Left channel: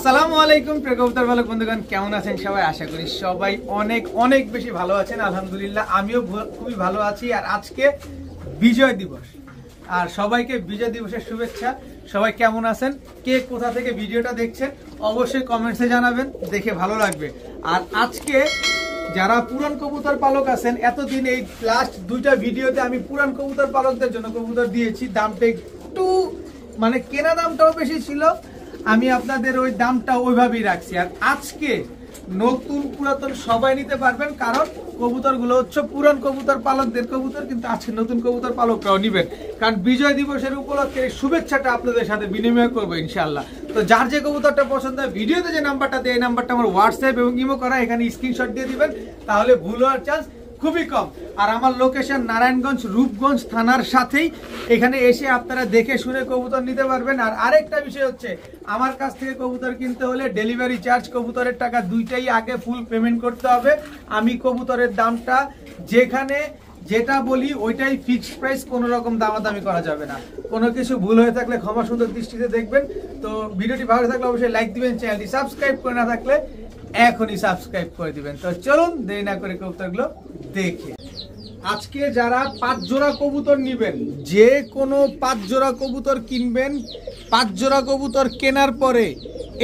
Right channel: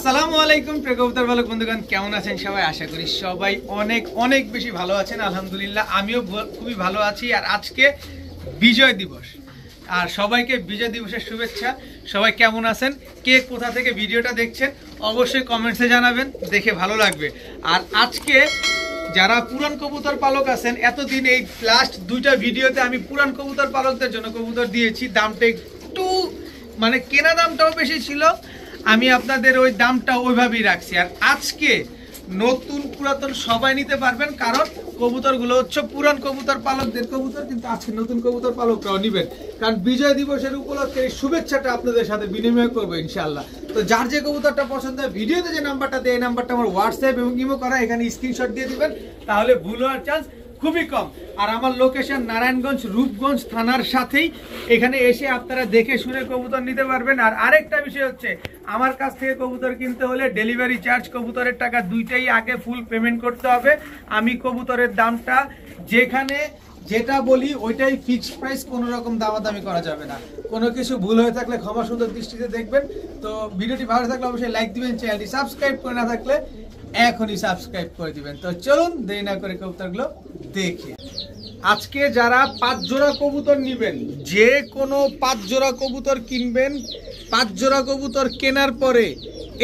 আসসালামু আলাইকুম প্রিয় কবুতর পালক বন্ধুগণ, কেমন আছেন সবাই? আশা করি সবাই অনেক অনেক বেশি ভালো আছেন। আলহামদুলিল্লাহ আমিও খুবই ভালো আছি। আর আজকে বিজয় দিবস, আর সবাইকে বিজয় দিবসের শুভেচ্ছা। সবাই কেমন আছেন, কে কোথা থেকে ভিডিওটা দেখছেন অবশ্যই কমেন্টসে জানাবেন, দেখে ভালো লাগবে। আর আজকে যারা পুরান কবুতর পালক আছেন, এতদিন এই লাস্ট দুইটা ভিডিওতে আমি পুরান কবুতর পালকদের জন্য কবুতর দিয়েছি। দামটা একটু মানে কেনা দামটাও বেশি ছিল, আমি আপনাদের ওই দামটা ওইভাবেই রাখছি। আর আজকে নতুন পুরাতন সবাই নিতে পারবেন, কারণ কবুতরগুলো হচ্ছে পুরান কবুতর পালকদের কবুতর, কিন্তু আজকে নতুন কবুতর পালকরাও নিবেন। কারণ বিজয় দিবসের উপলক্ষে শুভেচ্ছাটা আপনাদের সাথে বিনিময় করবো ইনশাআল্লাহ। তো যার যে কবুতরটা পছন্দ হয়, ভিডিওতে যে নাম্বারটা দেয় এই নাম্বারটা আমার হোয়াটসঅ্যাপ এবং ইমো করা, এখানে স্ক্রিনশট দিয়ে দিবেন, তাহলে ভুল হওয়ার চান্স খুবই কম। আর আমার লোকেশন নারায়ণগঞ্জ রূপগঞ্জ থানার সাথেই, এখানে এসে আপনারা দেখে শুনে কবুতর নিতে পারবেন। আর আরেকটা বিষয় হচ্ছে, আমার কাছ থেকে কবুতর কিনতে হলে ডেলিভারি চার্জ, কবুতরের টাকা দুইটাই আগে ফুল পেমেন্ট করতে হবে। আমি কবুতরের দামটা যেখানে যেটা বলি ওইটাই ফিক্সড প্রাইস, কোনো রকম দামাদামি করা যাবে না। কোনো কিছু ভুল হয়ে থাকলে ক্ষমা সুন্দর দৃষ্টিতে দেখবেন। তো ভিডিওটি ভালো থাকলে অবশ্যই লাইক দিবেন, চ্যানেলটি সাবস্ক্রাইব করে না থাকলে এখনই সাবস্ক্রাইব করে দিবেন। তো চলুন দেরি না করে কবুতরগুলো দেখি। আজকে যারা 5 জোড়া কবুতর নিবেন, যে কোনো 5 জোড়া কবুতর কিনবেন, 5 জোড়া কবুতর কেনার পরে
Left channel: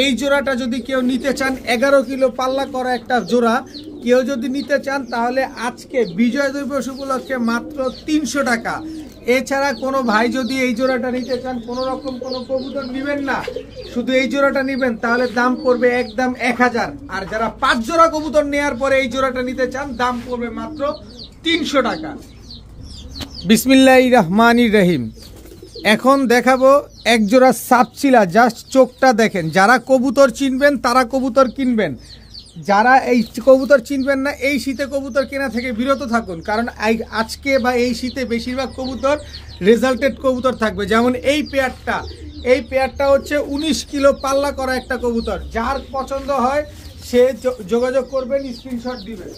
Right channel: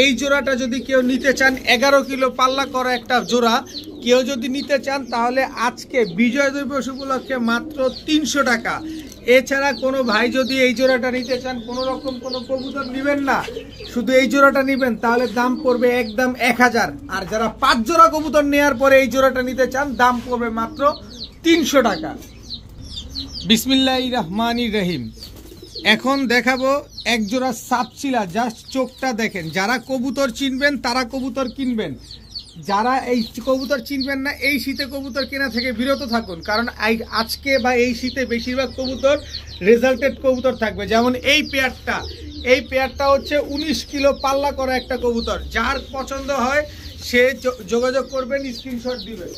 এই জোড়াটা যদি কেউ নিতে চান, 11 কিলো পাল্লা করা একটা জোড়া কেউ যদি নিতে চান, তাহলে আজকে বিজয় দিবস উপলক্ষে মাত্র 300 টাকা। এছাড়া কোনো ভাই যদি এই জোড়াটা নিতে চান, কোনো রকম কোনো কবুতর নিবেন না, শুধু এই জোড়াটা নিবেন, তাহলে দাম পড়বে একদম 1000। আর যারা 5 জোড়া কবুতর নেওয়ার পরে এই জোড়াটা নিতে চান, দাম পড়বে মাত্র 300 টাকা। বিসমিল্লাহির রহমানির রহিম। এখন দেখাবো এক জোড়া সাপচিলা, জাস্ট চোখটা দেখেন। যারা কবুতর চিনবেন তারা কবুতর কিনবেন, যারা এই কবুতর চিনবেন না, এই শীতে কবুতর কেনা থেকে বিরত থাকুন। কারণ আজকে বা এই শীতে বেশিরভাগ কবুতর রেজাল্টেড কবুতর থাকবে। যেমন এই পেয়ারটা হচ্ছে 19 কিলো পাল্লা করা একটা কবুতর। যার পছন্দ হয় সে যোগাযোগ করবেন, স্ক্রিনশট দিবেন।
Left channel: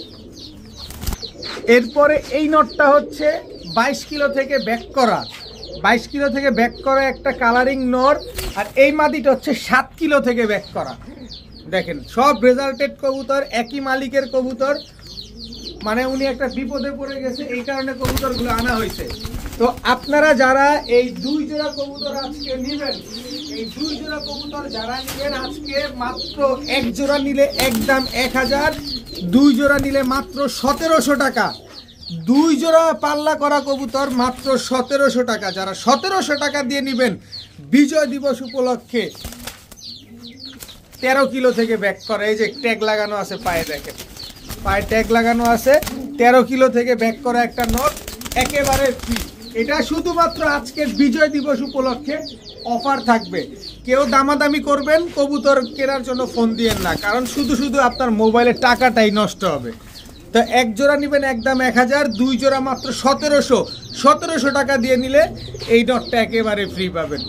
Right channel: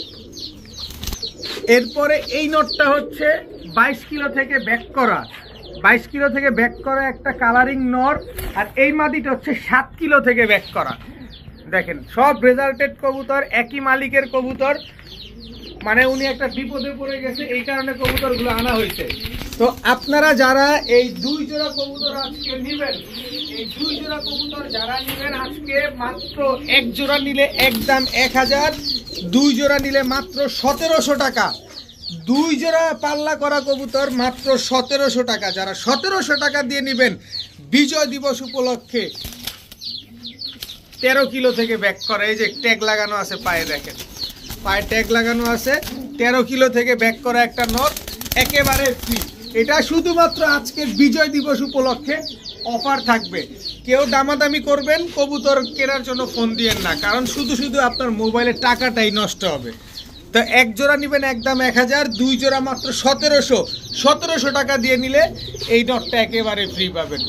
এরপরে এই নটটা হচ্ছে 22 কিলো থেকে ব্যাক করা, 22 কিলো থেকে ব্যাক করা একটা কালারিং নর। আর এই মাদিটা হচ্ছে 7 কিলো থেকে ব্যাক করা। দেখেন সব রেজাল্টেড কবুতর, একই মালিকের কবুতর, মানে উনি একটা বিপদে পড়ে গেছে, এই কারণে কবুতরগুলো আনা হয়েছে। তো আপনারা যারা এই 2 জোড়া কবুতর আজকে নেবেন, এই 2 জোড়া কবুতর যারা নেবেন আজকে, মাত্র এক জোড়া নিলে একদম 1000, 2 জোড়া নিলে মাত্র 1700 টাকা। 2 জোড়া পাল্লা করা কবুতর মাত্র 1700 টাকা। যারা 1700 টাকা দিয়ে নেবেন বিজয় দিবস উপলক্ষে, 13 কিলো থেকে ব্যাক করা, এই যে ট্যাগ লাগানো আছে পায়ে, দেখেন পায়ে ট্যাগ লাগানো আছে, 13 কিলো থেকে ব্যাক করা একটা নট একেবারে ফ্রি। এটা শুধুমাত্র আজকের বিজয় দিবস উপলক্ষে অফার থাকবে। কেউ দামাদামি করবেন কবুতর কেনার জন্য ফোন দিয়েন না, কারণ শুধু শুধু আপনার মোবাইলের টাকাটাই নষ্ট হবে। তো এক জোড়া নেবেন একদম 1000, 2 জোড়া মাত্র 1700 টাকা দিয়ে নিলে এই নটটা একেবারে ফ্রি পাবেন।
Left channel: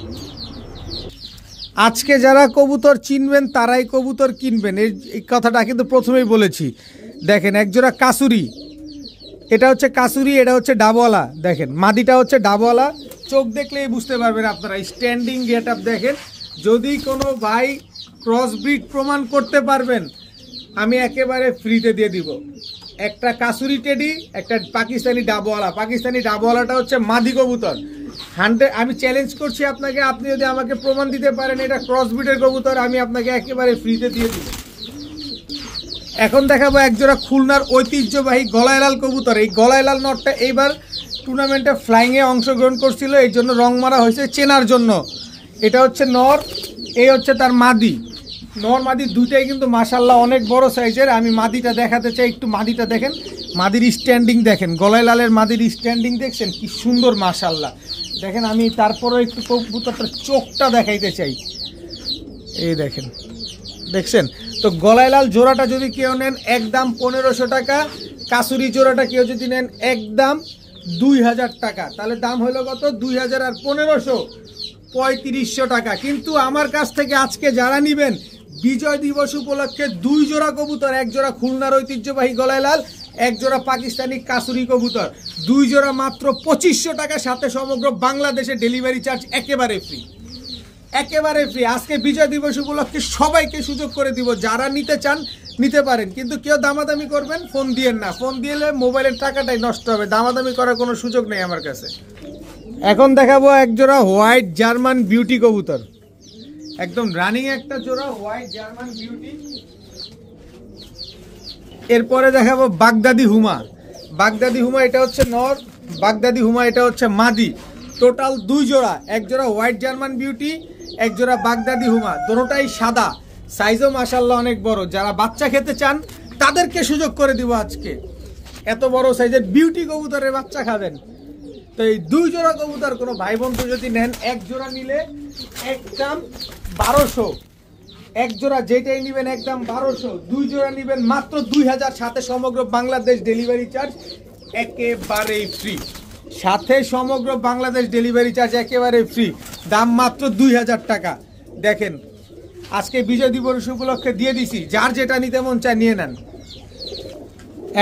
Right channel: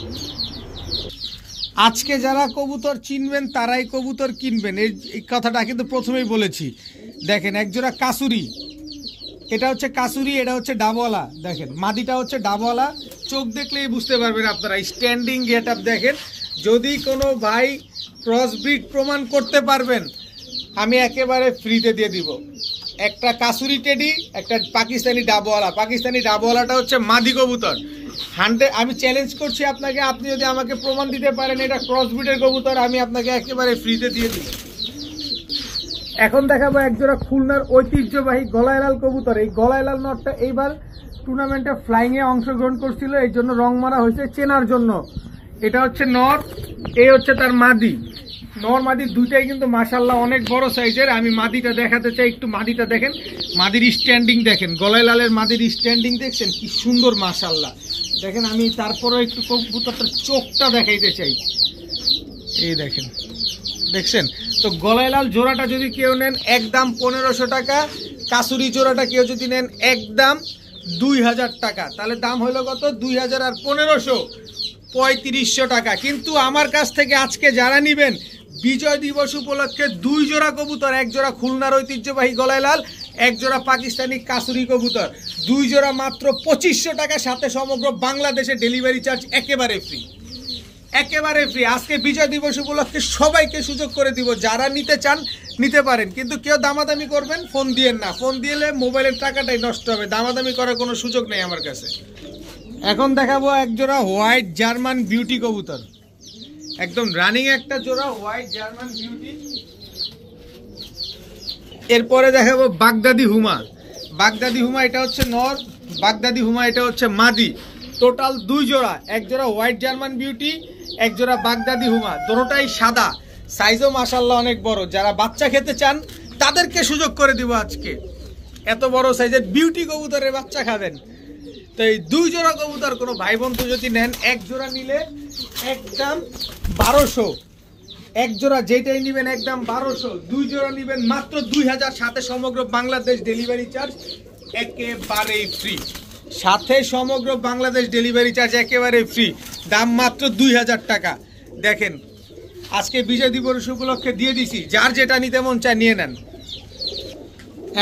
আজকে যারা কবুতর চিনবেন তারাই কবুতর কিনবেন, এই কথাটা কিন্তু প্রথমেই বলেছি। দেখেন এক জোড়া কাসুরি, এটা হচ্ছে কাসুরি, এটা হচ্ছে ডাবওয়ালা। দেখেন মাদিটা হচ্ছে ডাবওয়ালা, চোখ দেখলেই বুঝতে পারবেন আপনারা। স্ট্যান্ডিং গেট আপ দেখেন। যদি কোনো ভাই ক্রসব্রিড প্রমাণ করতে পারবেন, আমি একেবারে ফ্রিতে দিয়ে দিব। একটা কাসুরি টেডি, একটা পাকিস্তানি ডাবওয়ালা। পাকিস্তানি ডাবওয়ালাটা হচ্ছে মাদি কবুতর। আমি চ্যালেঞ্জ করছি আপনাকে, আপনি যদি আমাকে প্রমাণ দিতে পারেন এটা ক্রসব্রিডের কবুতর, আমি আপনাকে একেবারে ফ্রিতে দিয়ে দিব। এখন দেখাবো একজোড়া খুলনার ঐতিহ্যবাহী গলায়লাল কবুতর। এই গলায়লাল নটটা এইবার টুর্নামেন্টে ফ্লাইংয়ে অংশগ্রহণ করছিল, এই জন্য রং মারা হয়েছে চেনার জন্য। এটা হচ্ছে নর, এই হচ্ছে তার মাদি। নর মাদি দুইটাই কিন্তু মাশাআল্লাহ অনেক বড় সাইজের। আমি মাদিটা দেখাতে চাই, একটু মাদিটা দেখেন, মাদির স্ট্যান্ডিং দেখেন, গলায়লালের মাদির স্ট্যান্ডিং দেখছেন কি সুন্দর মাশাআল্লাহ। দেখেন আমি তারপরেও একটু কবুতরটার চোখটা দেখাইতে চাই, এই দেখেন, দেখছেন। তো গলায়লাল জোড়াটা যদি কেউ নেন একদম 1500 টাকা, কাসুরি জোড়াটা কেউ যদি নেন একদম 2000 টাকা। তাহলে দাম হলো কত? 2000 আর 1500, 3500 টাকা। কিন্তু আমার কাছ থেকে আজকে যারা নেবেন বিজয় দিবস উপলক্ষে 2 জোড়া কবুতর, এক জোড়া খুলনার ঐতিহ্যবাহী গলায়লাল, এক জোড়া পাকিস্তানি কাসুরি কবুতর, 2 জোড়া মাত্র 2500 টাকা, সাথে সমগ্র বাংলাদেশে ডেলিভারি চার্জ একেবারে ফ্রি। একেবারে ফ্রি। আজকে বিজয় দিবস উপলক্ষে সবাইকে সুযোগ করে দিব, যারা নিতে চান নিতে পারেন, কিন্তু কেউ দামাদামি করবেন ফোন দিয়েন না, ফোন দিলে মোবাইলের টাকাটাই নষ্ট হবে, দামাদামি করার কোনো সুযোগ নেই আমার কাছে। এখন দেখাবো এক জোড়া হোয়াইট জার্মান বিউটি কবুতর, একদম রানিং একটা জোড়া হোয়াইট জার্মান বিউটি। এরপরে দেখাবো বাগদাদি হুমা। বাগদাদি হুমা এটা হচ্ছে নর, বাগদাদি হুমা এটা হচ্ছে মাদি। টোটাল 2 জোড়া, এক জোড়া হোয়াইট জার্মান বিউটি, এক জোড়া বাগদাদি হুমা, দুটোটাই সাদা, সাইজও মাশাআল্লাহ অনেক বড়। যারা বাচ্চা খেতে চান তাদেরকে সুযোগ করে দিব আজকে, এত বড় সাইজের বিউটি কবুতরের বাচ্চা খাবেন। তো এই 2 জোড়া কবুতর কোনো ভাই বন্ধু যদি নেন, এক জোড়া নিলে একদম 1200, এক জোড়া যেটাই নেবেন একদম 1200, 2 জোড়া নেবেন মাত্র 2000, সাথে সমগ্র বাংলাদেশ ডেলিভারি চার্জ একেবারে ফ্রি, সাথে সমগ্র বাংলাদেশ ডেলিভারি চার্জ একেবারে ফ্রি, দাম মাত্র 2000 টাকা। দেখেন আজকে বিজয় দিবস উপলক্ষে দিয়ে দিছি, যার যেটা নিতে মন চায় নিয়ে নেন।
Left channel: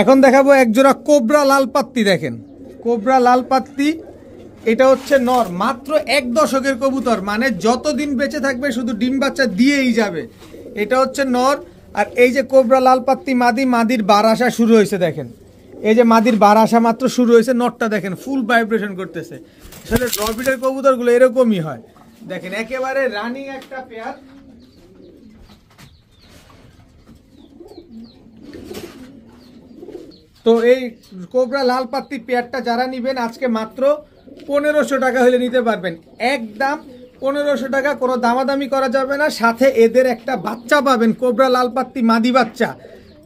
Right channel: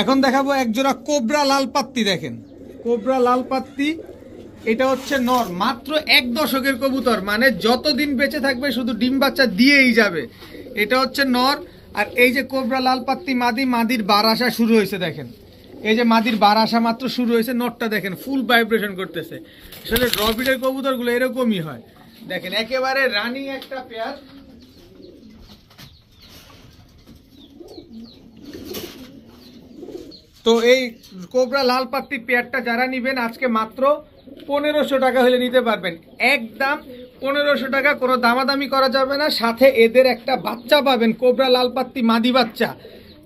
এখন দেখাবো এক জোড়া কোবরা লাল পাত্তি। দেখেন কোবরা লাল পাত্তি, এটা হচ্ছে নর, মাত্র 1 দশকের কবুতর, মানে যতদিন বেঁচে থাকবে শুধু ডিম বাচ্চা দিয়েই যাবে। এটা হচ্ছে নর। আর এই যে কোবরা লাল পাত্তি মাদি, মাদির বার আসা শুরু হয়েছে। দেখেন এই যে মাদির বার আসা মাত্র শুরু হয়েছে, নটটা দেখেন ফুল ভাইব্রেশন করতেছে। আসলে ড্রপিলের কবুতরগুলো এরকমই হয়। দেখেন একেবারে রানিং একটা পেয়ার। তো এই কোবরা লাল পাত্তি পেয়ারটা যারা নিবেন আজকে মাত্র 1500 টাকা হলে নিতে পারবেন, একদম 1500 টাকা, কোনো দামাদামি করা যাবে না। সাথে এদের একটা বাচ্চা পাবেন, কোবরা লাল পাত্তি মাদি বাচ্চা।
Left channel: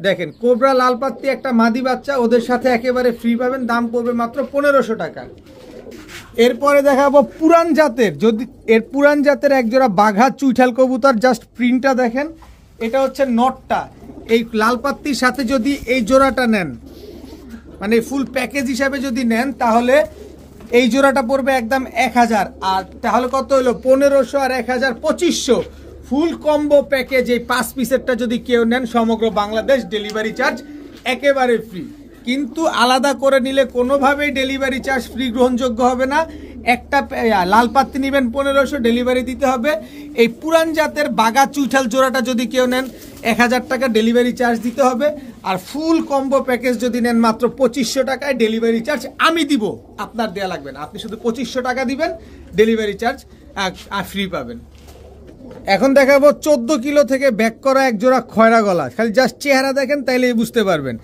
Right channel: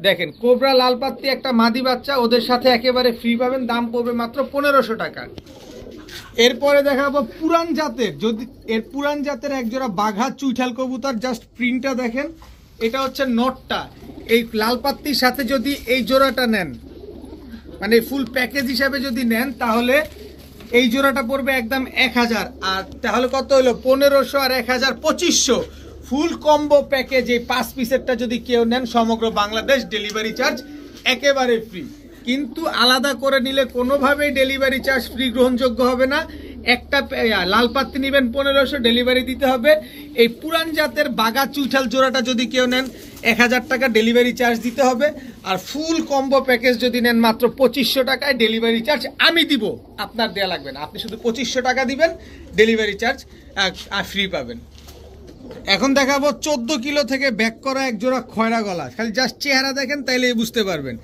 দেখেন কোবরা লাল পাত্তি একটা মাদি বাচ্চা ওদের সাথে একেবারে ফ্রি পাবেন, দাম পড়বে মাত্র 1500 টাকা। এরপরে দেখাবো পুরান জাতের, যদি এর পুরান জাতের একজোড়া বাঘা চুইঠাল কবুতর, জাস্ট প্রিন্টটা দেখেন। এটা হচ্ছে নটটা, এই লাল পাত্তির সাথে যদি এই জোড়াটা নেন, মানে ফুল প্যাকেজ হিসাবে যদি নেন, তাহলে এই জোড়াটা পড়বে একদম 1000। আর তাহলে কত হলো 1500 আর 1000 2500, ফুল কম্বো প্যাকেজ। এই 5 পিসেরটা যদি কেউ নেন সমগ্র বাংলাদেশ ডেলিভারি চার্জ একেবারে ফ্রি, কিন্তু আলাদা করে নিলে কোনোভাবেই ডেলিভারি চার্জ ফ্রি গ্রহণযোগ্য হবে না। একটা লাল পাত্তি নেবেন 1500, ডেলিভারি দিতে হবে। এই পুরান জাতের বাঘা চুইঠাল জোড়াটা যদি কেউ নেন 1000 টাকা ডেলিভারি চার্জ দিতে হবে। আর ফুল কম্বো প্যাকেজ যদি নেন মাত্র 2500 টাকায় ডেলিভারি চার্জ আমি দিব, আপনার দেয়া লাগবে না, আপনি শুধু 2500 টাকা দিবেন, ডেলিভারি চার্জ আর ফ্রি পাবেন। এখন দেখাবো 14 কিলো থেকে ব্যাক করা এক জোড়া খয়রা গলা, খালি জাস্ট চেহারা দেখেন তাইলেই বুঝতে পারবেন।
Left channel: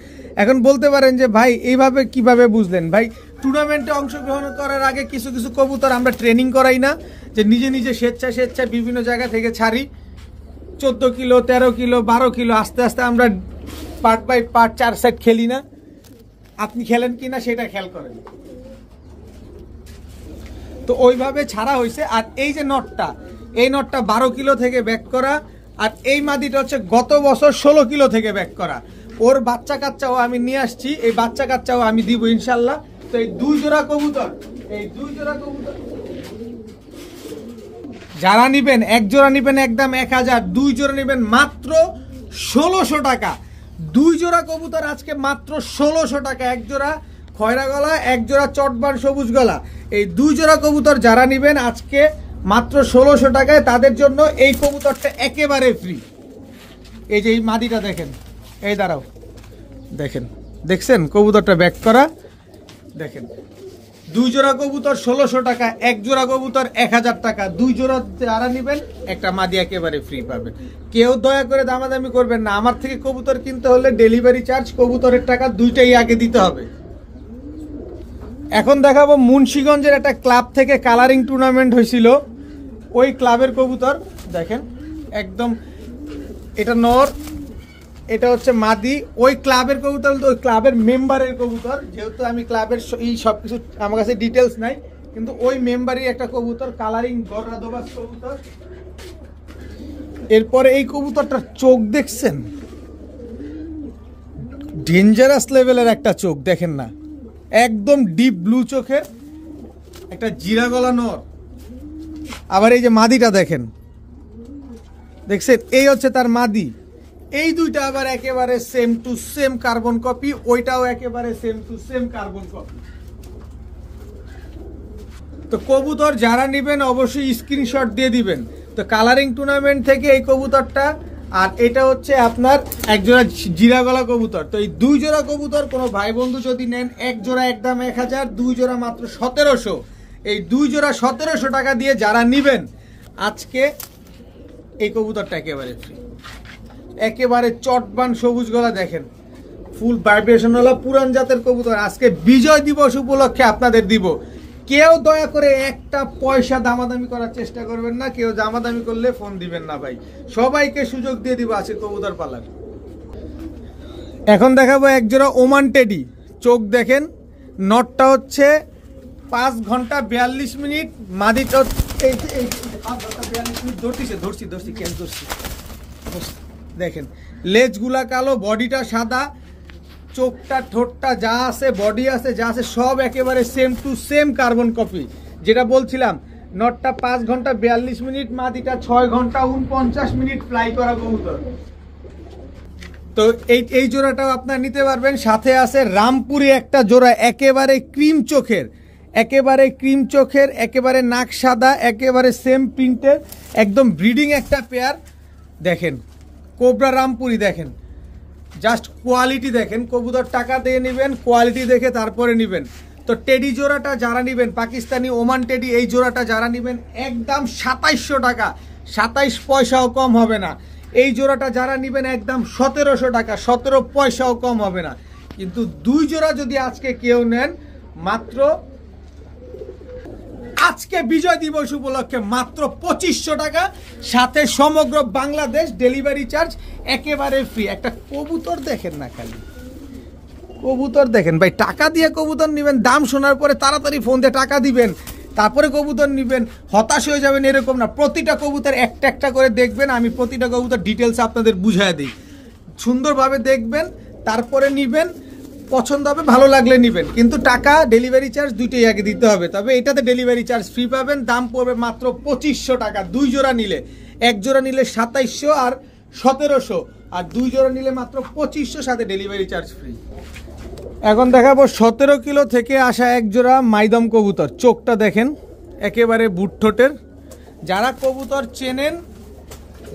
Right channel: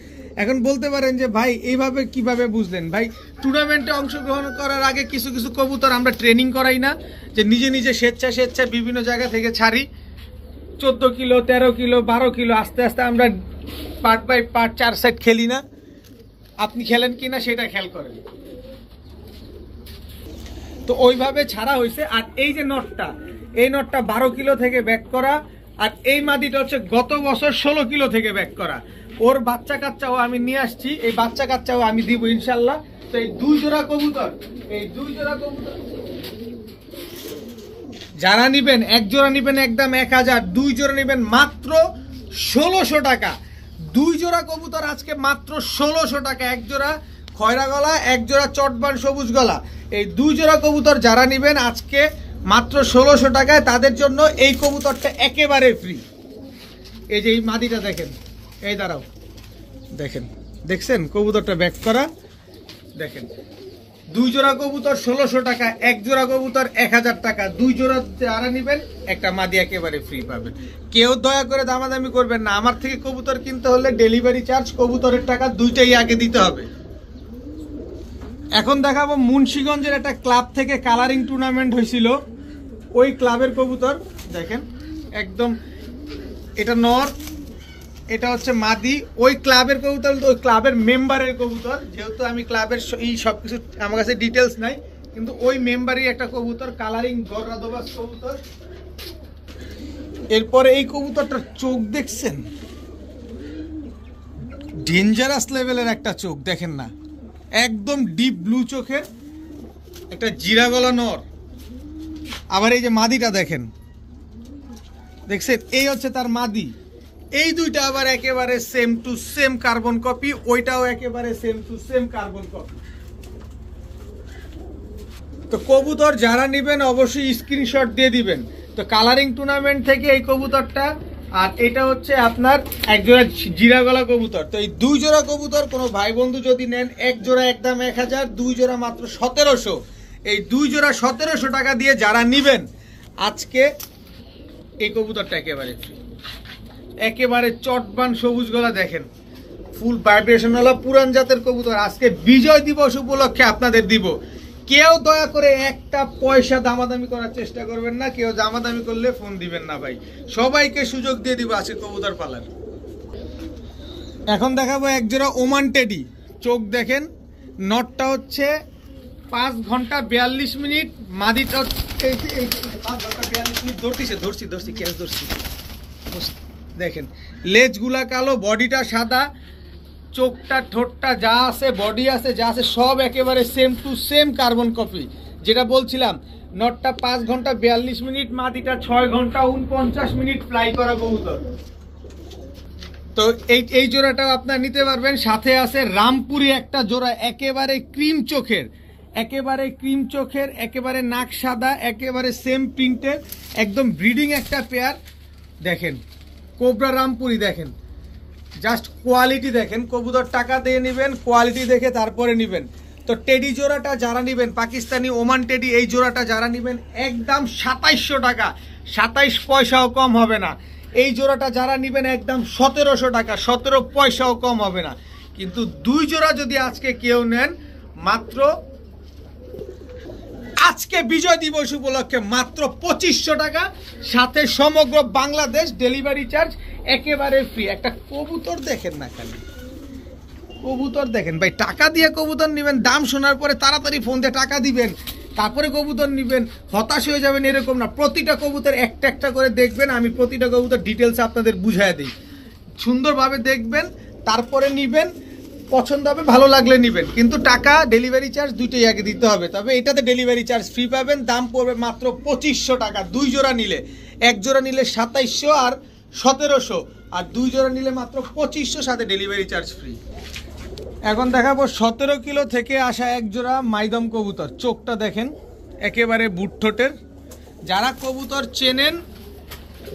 এখন বলতে পারেন যে ভাই এইভাবে কিভাবে বুঝলেন? ভাই টুর্নামেন্টে অংশগ্রহণ করার আগে কিছু কিছু কবুতর আমরা ট্রেনিং করাই না, যে নিজে নিজে স্বেচ্ছায় বিভিন্ন জায়গা থেকে ছাড়ি। 14 কিলো 13 কিলো 12 কিলো আস্তে আস্তে আমরা পার্ট বাই পার্ট 4 সেট খেলি না, আপনি খেলেন কিনা সেটা খেয়াল করেন। তো ওইভাবে ছাড়া হয়েছে। আর এই যে নটটা, এই নটটা 12 কিলো থেকে ব্যাক করা, আর এই মাদিটা হচ্ছে গত বছর 16 কিলো থেকে ব্যাক করা। ওর বাচ্চা কাচ্চাও আমি নিয়ে আসছি, এই বাচ্চা কাচ্চাও আমি দিব ইনশাল্লাহ। তো এই 2 জোড়া কবুতর, এই 2 জোড়া কবুতর যারা নিবেন, এক জোড়া নিবেন একদম 1000, 2 জোড়া নিবেন মাত্র 1600 টাকা। 2 জোড়া কবুতর আজকে মাত্র 1600 টাকা, এক জোড়া খয়রা গলা, এক জোড়া চটবান সবুজ গলা। এই 2 জোড়া কবুতর যারা নিবেন আজকে মাত্র 1600 টাকায়, তাদের জন্য এই কবুতরটা একেবারে ফ্রি। এই যে এই মাদিটা দেখেন, এই দাঁড়াও দেখেন, দেখছেন কবুতরটা ব্যাক করা, দেখেন 2 জোড়া কবুতর 1600 টাকা, এক জোড়া কবুতর 1000 টাকা। 2 জোড়া যারা নিবেন একটা মাদি একেবারে ফ্রি পাবেন। কেউ দয়া করে দামাদামি করবেন না, আমার থেকে কবুতর কিনতে হলে ডেলিভারি চার্জ, কবুতরের টাকা দুইটাই আগে দিতে হবে। এখন দেখাবো মুন্সিগঞ্জের একটা ক্লাব থেকে কালারিং টুর্নামেন্ট হয়েছিল, ওই ক্লাবের কবুতর দেখেন একদম, এটা নর, এটা হচ্ছে মাদি। ওই ক্লাবের কবুতর, ওই ক্লাবের মেম্বারের কবুতর, যেহেতু আমি ক্লাবের এই সবকিছু আমার কাছে ডিটেলস নাই, কিন্তু ওই মেম্বারই একটা কবুতর, কালারিং গররা দোবাস কবুতর। এরপরে এই কবুতরটার চোখ দেখছেন, ডেঞ্জারাস লেভেলের একটা চোখ, দেখেন না, একদম ডিপ ব্লু চোখের একটা জিরা গলা নর। আবার এই যে মাদিটা দেখেন, দেখছেন, এই হচ্ছে তার মাদি। এই দুইটা আবার একেবারে same to same carbon copy, ওইটাও একেবারে same to same carbon copy. তো কবুতর যারা নেবেন অবশ্যই স্ক্রিনশট দিয়ে দিবেন, তো কালারিং টুর্নামেন্ট থেকে এই কবুতরটা, আর এটা হচ্ছে আপনার এক জোড়া জিরা গলা কবুতর। তো এই 2 জোড়া কবুতর কোনো ভাই বন্ধু যদি নেন, এক জোড়া একদম 1000, 2 জোড়া মাত্র 1700। এই 2 জোড়া 1700 টাকা দিয়ে যারা নিবেন আজকে এই কবুতরটা একেবারে ফ্রি। একেবারে চটবান সবুজ গলা দেখেন, ফুল ভাইব্রেশন ওয়ালা পুরান জাতের কবুতর। আজকে বিজয় দিবস উপলক্ষে আপনাদের দিব। কেউ দয়া করে একটা পয়সা দামাদামি করার চেষ্টা করবেন না, কেউ দামাদামি করলে ফোন দিবেন না ভাই, সবাইকে সুযোগ দিয়ে দিব আজকে কবুতর পালার। এখন দেখাবো এক জোড়া ওমান টেডি। চোখ দেখেন, নটটা হচ্ছে 5 ঘন্টা 42 মিনিট, মাদিটা 5 ঘন্টা 42 মিনিট। ধরছি দেখেন, লেজগুলা কালো, বডিটা সাদা, চোখটা ঠোঁটটা যা আছে, বডি আছে যা আছে সব একেবারে same to same carbon copy. যেটা বলছিলাম, নটটা 5 ঘন্টা 42 মিনিট, মাদিটা 6 ঘন্টা 49 মিনিট ফ্লাই করা কবুতর। তো এই জোড়াটাও আপনার নিতে পারবেন। সাথে আছে রামপুরি একটা জোড়া, একেবারে ক্রিম চোখের, একেবারে নাক সাদা, একেবারে সেম প্রিন্টের, একদম ব্রিডিং একটা পেয়ার। দেখেন কোবরা রামপুরি, দেখেন জাস্ট কোয়ালিটি দেখেন। কবুতর টাকা দিয়ে নেবেন, কোয়ালিটি দেখে তারপরে নেবেন। তো টেডি জোড়াটা যারা নেবেন, পাকিস্তানি ওমান টেডি, এই জোড়াটা যারা নেবেন একদম 2700 টাকা, 27 পয়সাও কম হবে না। এই জোড়াটা যারা নেবেন একদম 1700 টাকা, 17 পয়সাও কম হবে না। কিন্তু 2 জোড়া যদি আজকে কেউ নেন, মাত্র আজকে বিজয় দিবস উপলক্ষে মাত্র 2500 টাকা, সাথে সমগ্র বাংলাদেশ ডেলিভারি চার্জ একেবারে ফ্রি। একটা কবুতর দেখেন না, খালি কবুতর দেখেন ভাই। টাকা দিয়ে কবুতর নেবেন, দাম শোনার পরে তাড়াতাড়ি ফোন দিয়ে টাকা দিবেন, তারপরে কবুতর নেবেন, হতাশ হয়ে যাবেন এরকম না। প্রতিটা কবুতর একটা একটা করে দেখবেন, আমি প্রতিটা কবুতর ডিটেলস আপনাদের বুঝিয়ে দিই। সুন্দরভাবে দেখবেন, তারপরে নেবেন, পছন্দ হবে, ভালো লাগলে নেবেন। কিন্তু টাকা, ডেলিভারি চার্জ দুইটাই আগে দিতে হবে। তবে এটাতে ডেলিভারি চার্জ ফ্রি পাবেন। দাম পড়বে মাত্র 2500 টাকা 2 জোড়া নিলে। 1 জোড়া নিলে 2700 আর 1700, আর 2 জোড়া নিলে মাত্র 2500, সাথে ডেলিভারি চার্জ ফ্রি। এখন দেখাবো 17 কিলো থেকে আসা এক জোড়া মাইদম কবুতর। চোখটা দেখেন, একেবারে বুট ঠোঁটের। যারা কবুতর চেনেন,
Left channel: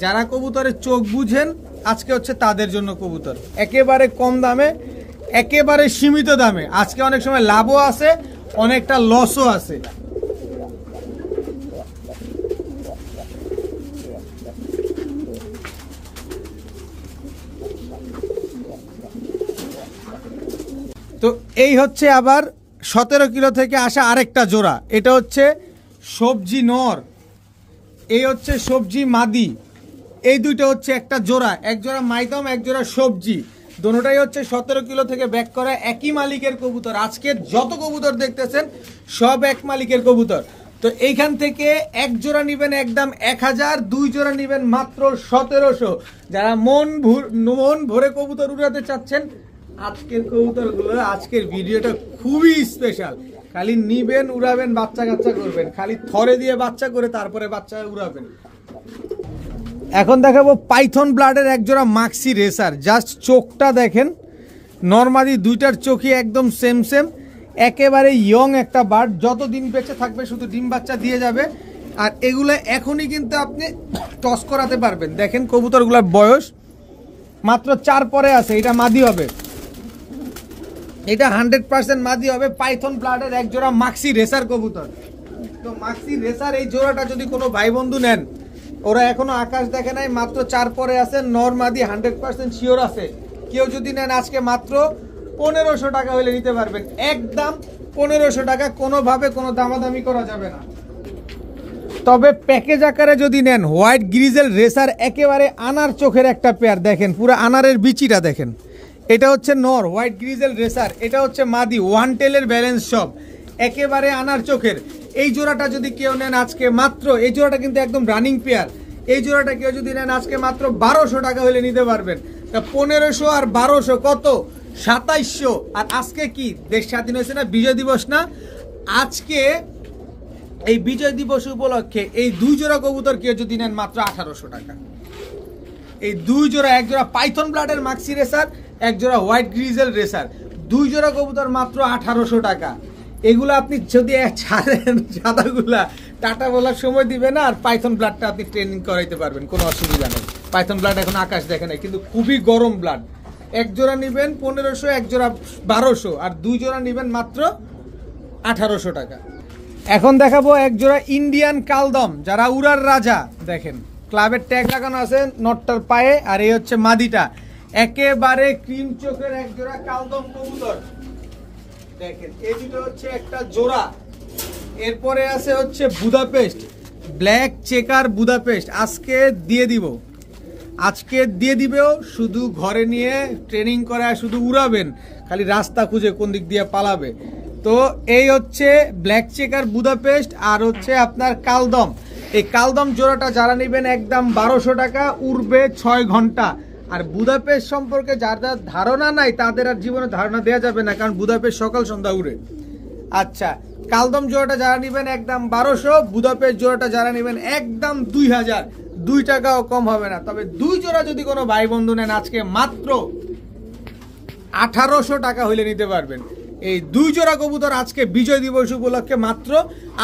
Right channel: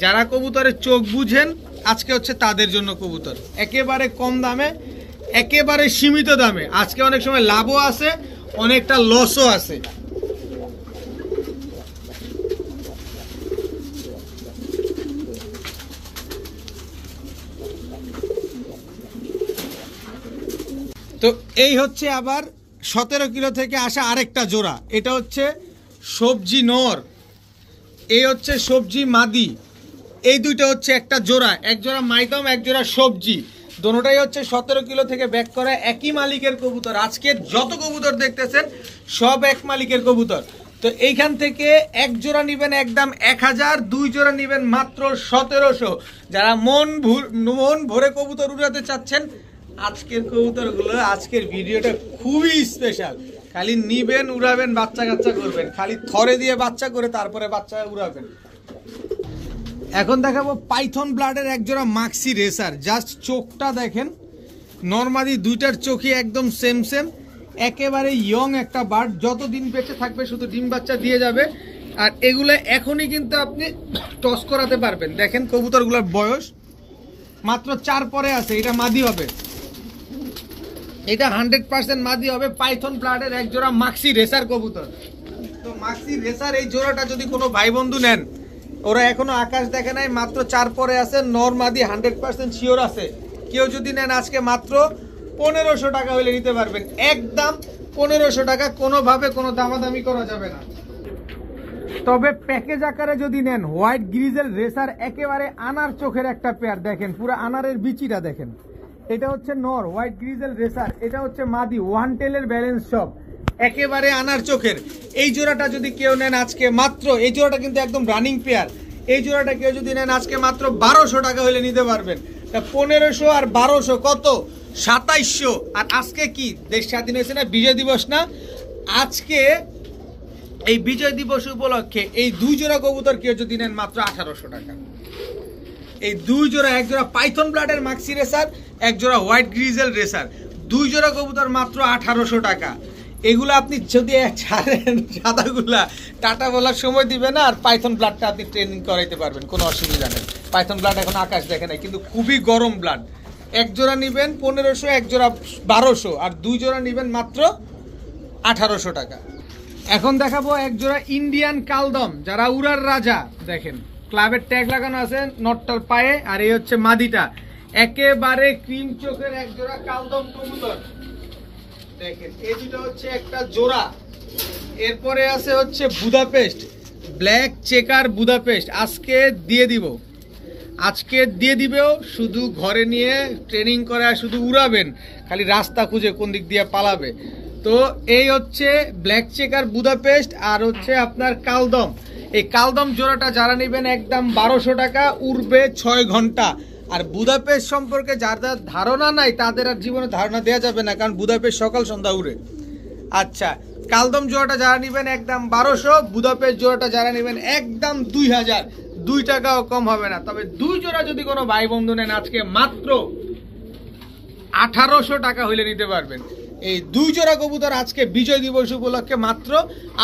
যারা কবুতরের চোখ বুঝেন, আজকে হচ্ছে তাদের জন্য কবুতর। একেবারে কম দামে, একেবারে সীমিত দামে। আজকে অনেক সময় লাভও আছে, অনেকটা লসও আছে। তো এই হচ্ছে আবার 17 কিলো থেকে আসা আরেকটা জোড়া। এটা হচ্ছে সবজি নর, এই হচ্ছে সবজি মাদি। এই দুইটা হচ্ছে একটা জোড়া, এক জোড়া মাইদম, এক জোড়া সবজি। দোনোটাই হচ্ছে 17 কিলো থেকে ব্যাক করে, একই মালিকের কবুতর। আজকে যত কবুতর দেখতেছেন সব এক মালিকের কবুতর। তো এইখান থেকে এক জোড়া নিবেন একদম 1000, 2 জোড়া নিবেন মাত্র 1700। যারা মন ভরে কবুতর উড়াতে চাচ্ছেন, আজকের কবুতরগুলো, আজকের ভিডিওটা খুবই স্পেশাল। খালি নিবেন, উড়াবেন, বাচ্চা কাচ্চা করবেন, খালি থরে দিয়ে বাচ্চা করে তারপরে বাচ্চা উড়াবেন। এখন দেখাবো পাইথন ব্লাডের এক জোড়া মাক্সি রেসার। জাস্ট চোখটা দেখেন, নরমালি দুইটার চোখই একদম সেম, একেবারে ইয়ং একটা বার্ড। যতদিন বেঁচে থাকবে শুধু ডিম বাচ্চা দিয়ে যাবে। আর এগুলো এখনই কিন্তু আপনি টস করাতে পারবেন। দেখেন কবুতরগুলোর বয়স মাত্র 4 পরে আছে। এটা মাদি হবে, এটা 100% মাদি হবে। পাইথন ব্লাডের এক জোড়া মাক্সি রেসার কবুতর। তো মাক্সি রেসার এই জোড়াটা যদি কোনো ভাই বন্ধু নেন, ওরা এখনো আকাশ দেখে নাই, মাত্র 4 পরে আছে, নর মাদি 100% শিওর আছে। কেউ যদি নেন আজকে মাত্র 1500 টাকা হলে নিতে পারবেন, একদম 1500 টাকা, কোনোভাবে কোনো দামাদামি করা যাবে না। তবে প্যাকেজ আকারে যদি নেন, হোয়াইট গ্রিজেল রেসার, একেবারে আনার চোখের একটা পেয়ার। দেখেন পুরো আনারের বিচিটা দেখেন। এটা হচ্ছে নর হোয়াইট গ্রিজেল রেসার, এটা হচ্ছে মাদি, 1 টেলের ব্যালেন্স সব, একেবারে আনার চোখের। এই জোড়াটা যদি কেউ নেন আজকে মাত্র, এই জোড়াটা কিন্তু একদম রানিং পেয়ার, এই জোড়াটা কেউ যদি নেন আজকে মাত্র 1200 টাকা হলে নিতে পারবেন। 1500 আর 1200 কত? 2700। আর আজকে কি দেশ স্বাধীন হয়েছে না, বিজয় দিবস না? আজকে এই বিজয় দিবস উপলক্ষে এই 2 জোড়া কবুতর কেউ যদি নেন মাত্র 1800 টাকা। এই 2 জোড়া, এক জোড়া পাইথন ব্লাডের মাক্সি রেসার, এক জোড়া হোয়াইট গ্রিজেল রেসার, 2 জোড়া কবুতর মাত্র 1800 টাকা। এগুলো আপনি যদি ছাড়েন সাদাগুলা, টাটা বলার সময় দিবে না, আর পাইথন ব্লাডটা আপনি ট্রেনিং করাইতে পারবেন, কোনো অসুবিধা নেই। পাইথন ব্লাড এখন আকাশ দেখে নাই, কিন্তু খুবই গরম ব্লাড। এক জোড়া নিবেন 1500, এক জোড়া 1200, আর 2 জোড়া নিবেন মাত্র 1800 টাকা। এখন দেখাবো এক জোড়া ইন্ডিয়ান কালদম, যারা উড়ার রাজা। দেখেন ক্লাবের ট্যাগ লাগানো আছে নটটার পায়ে, আর এই হচ্ছে মাদিটা, একেবারে ক্রিম চোখের এক জোড়া কালদম কবুতর। দেখেন এই দুটো হচ্ছে একটা জোড়া। এরপরে আছে হচ্ছে বুদাপেস্ট, ব্ল্যাক চেকার বুদাপেস্ট। আজকে দিয়ে দিবেও, শুধু ঘরে নিয়ে ট্রেনিং করে শুধু উড়াবেন, খালি রাস্তা খুঁজে কোন দিক দিয়ে পালাবে। তো এই হচ্ছে ব্ল্যাক চেকার বুদাপেস্ট, আর হচ্ছে আপনার কালদম। এই কালদম জোড়াটা যারা নেবেন একদম 1200 টাকা, উড়বে 6 ঘন্টা। আর বুদাপেস্ট সম্পর্কে যার ধারণা নাই তাদের আর জীবনে ধারণা দেওয়া যাবে না, কারণ বুদাপেস্ট সকাল সন্ধ্যা উড়ে। আচ্ছা, কালদম জোড়াটা যারা নেবেন একদম 1200, বুদাপেস্ট জোড়াটা যারা নেবেন একদম 2000, 2 টাকাও কম হবে না। তবে 2 জোড়া যদি কোনো ভাই বন্ধু নেন আজকে মাত্র 1800 টাকা হইলে নিতে পারবেন। এই 2 জোড়া কবুতর আজকে বিজয় দিবস উপলক্ষে মাত্র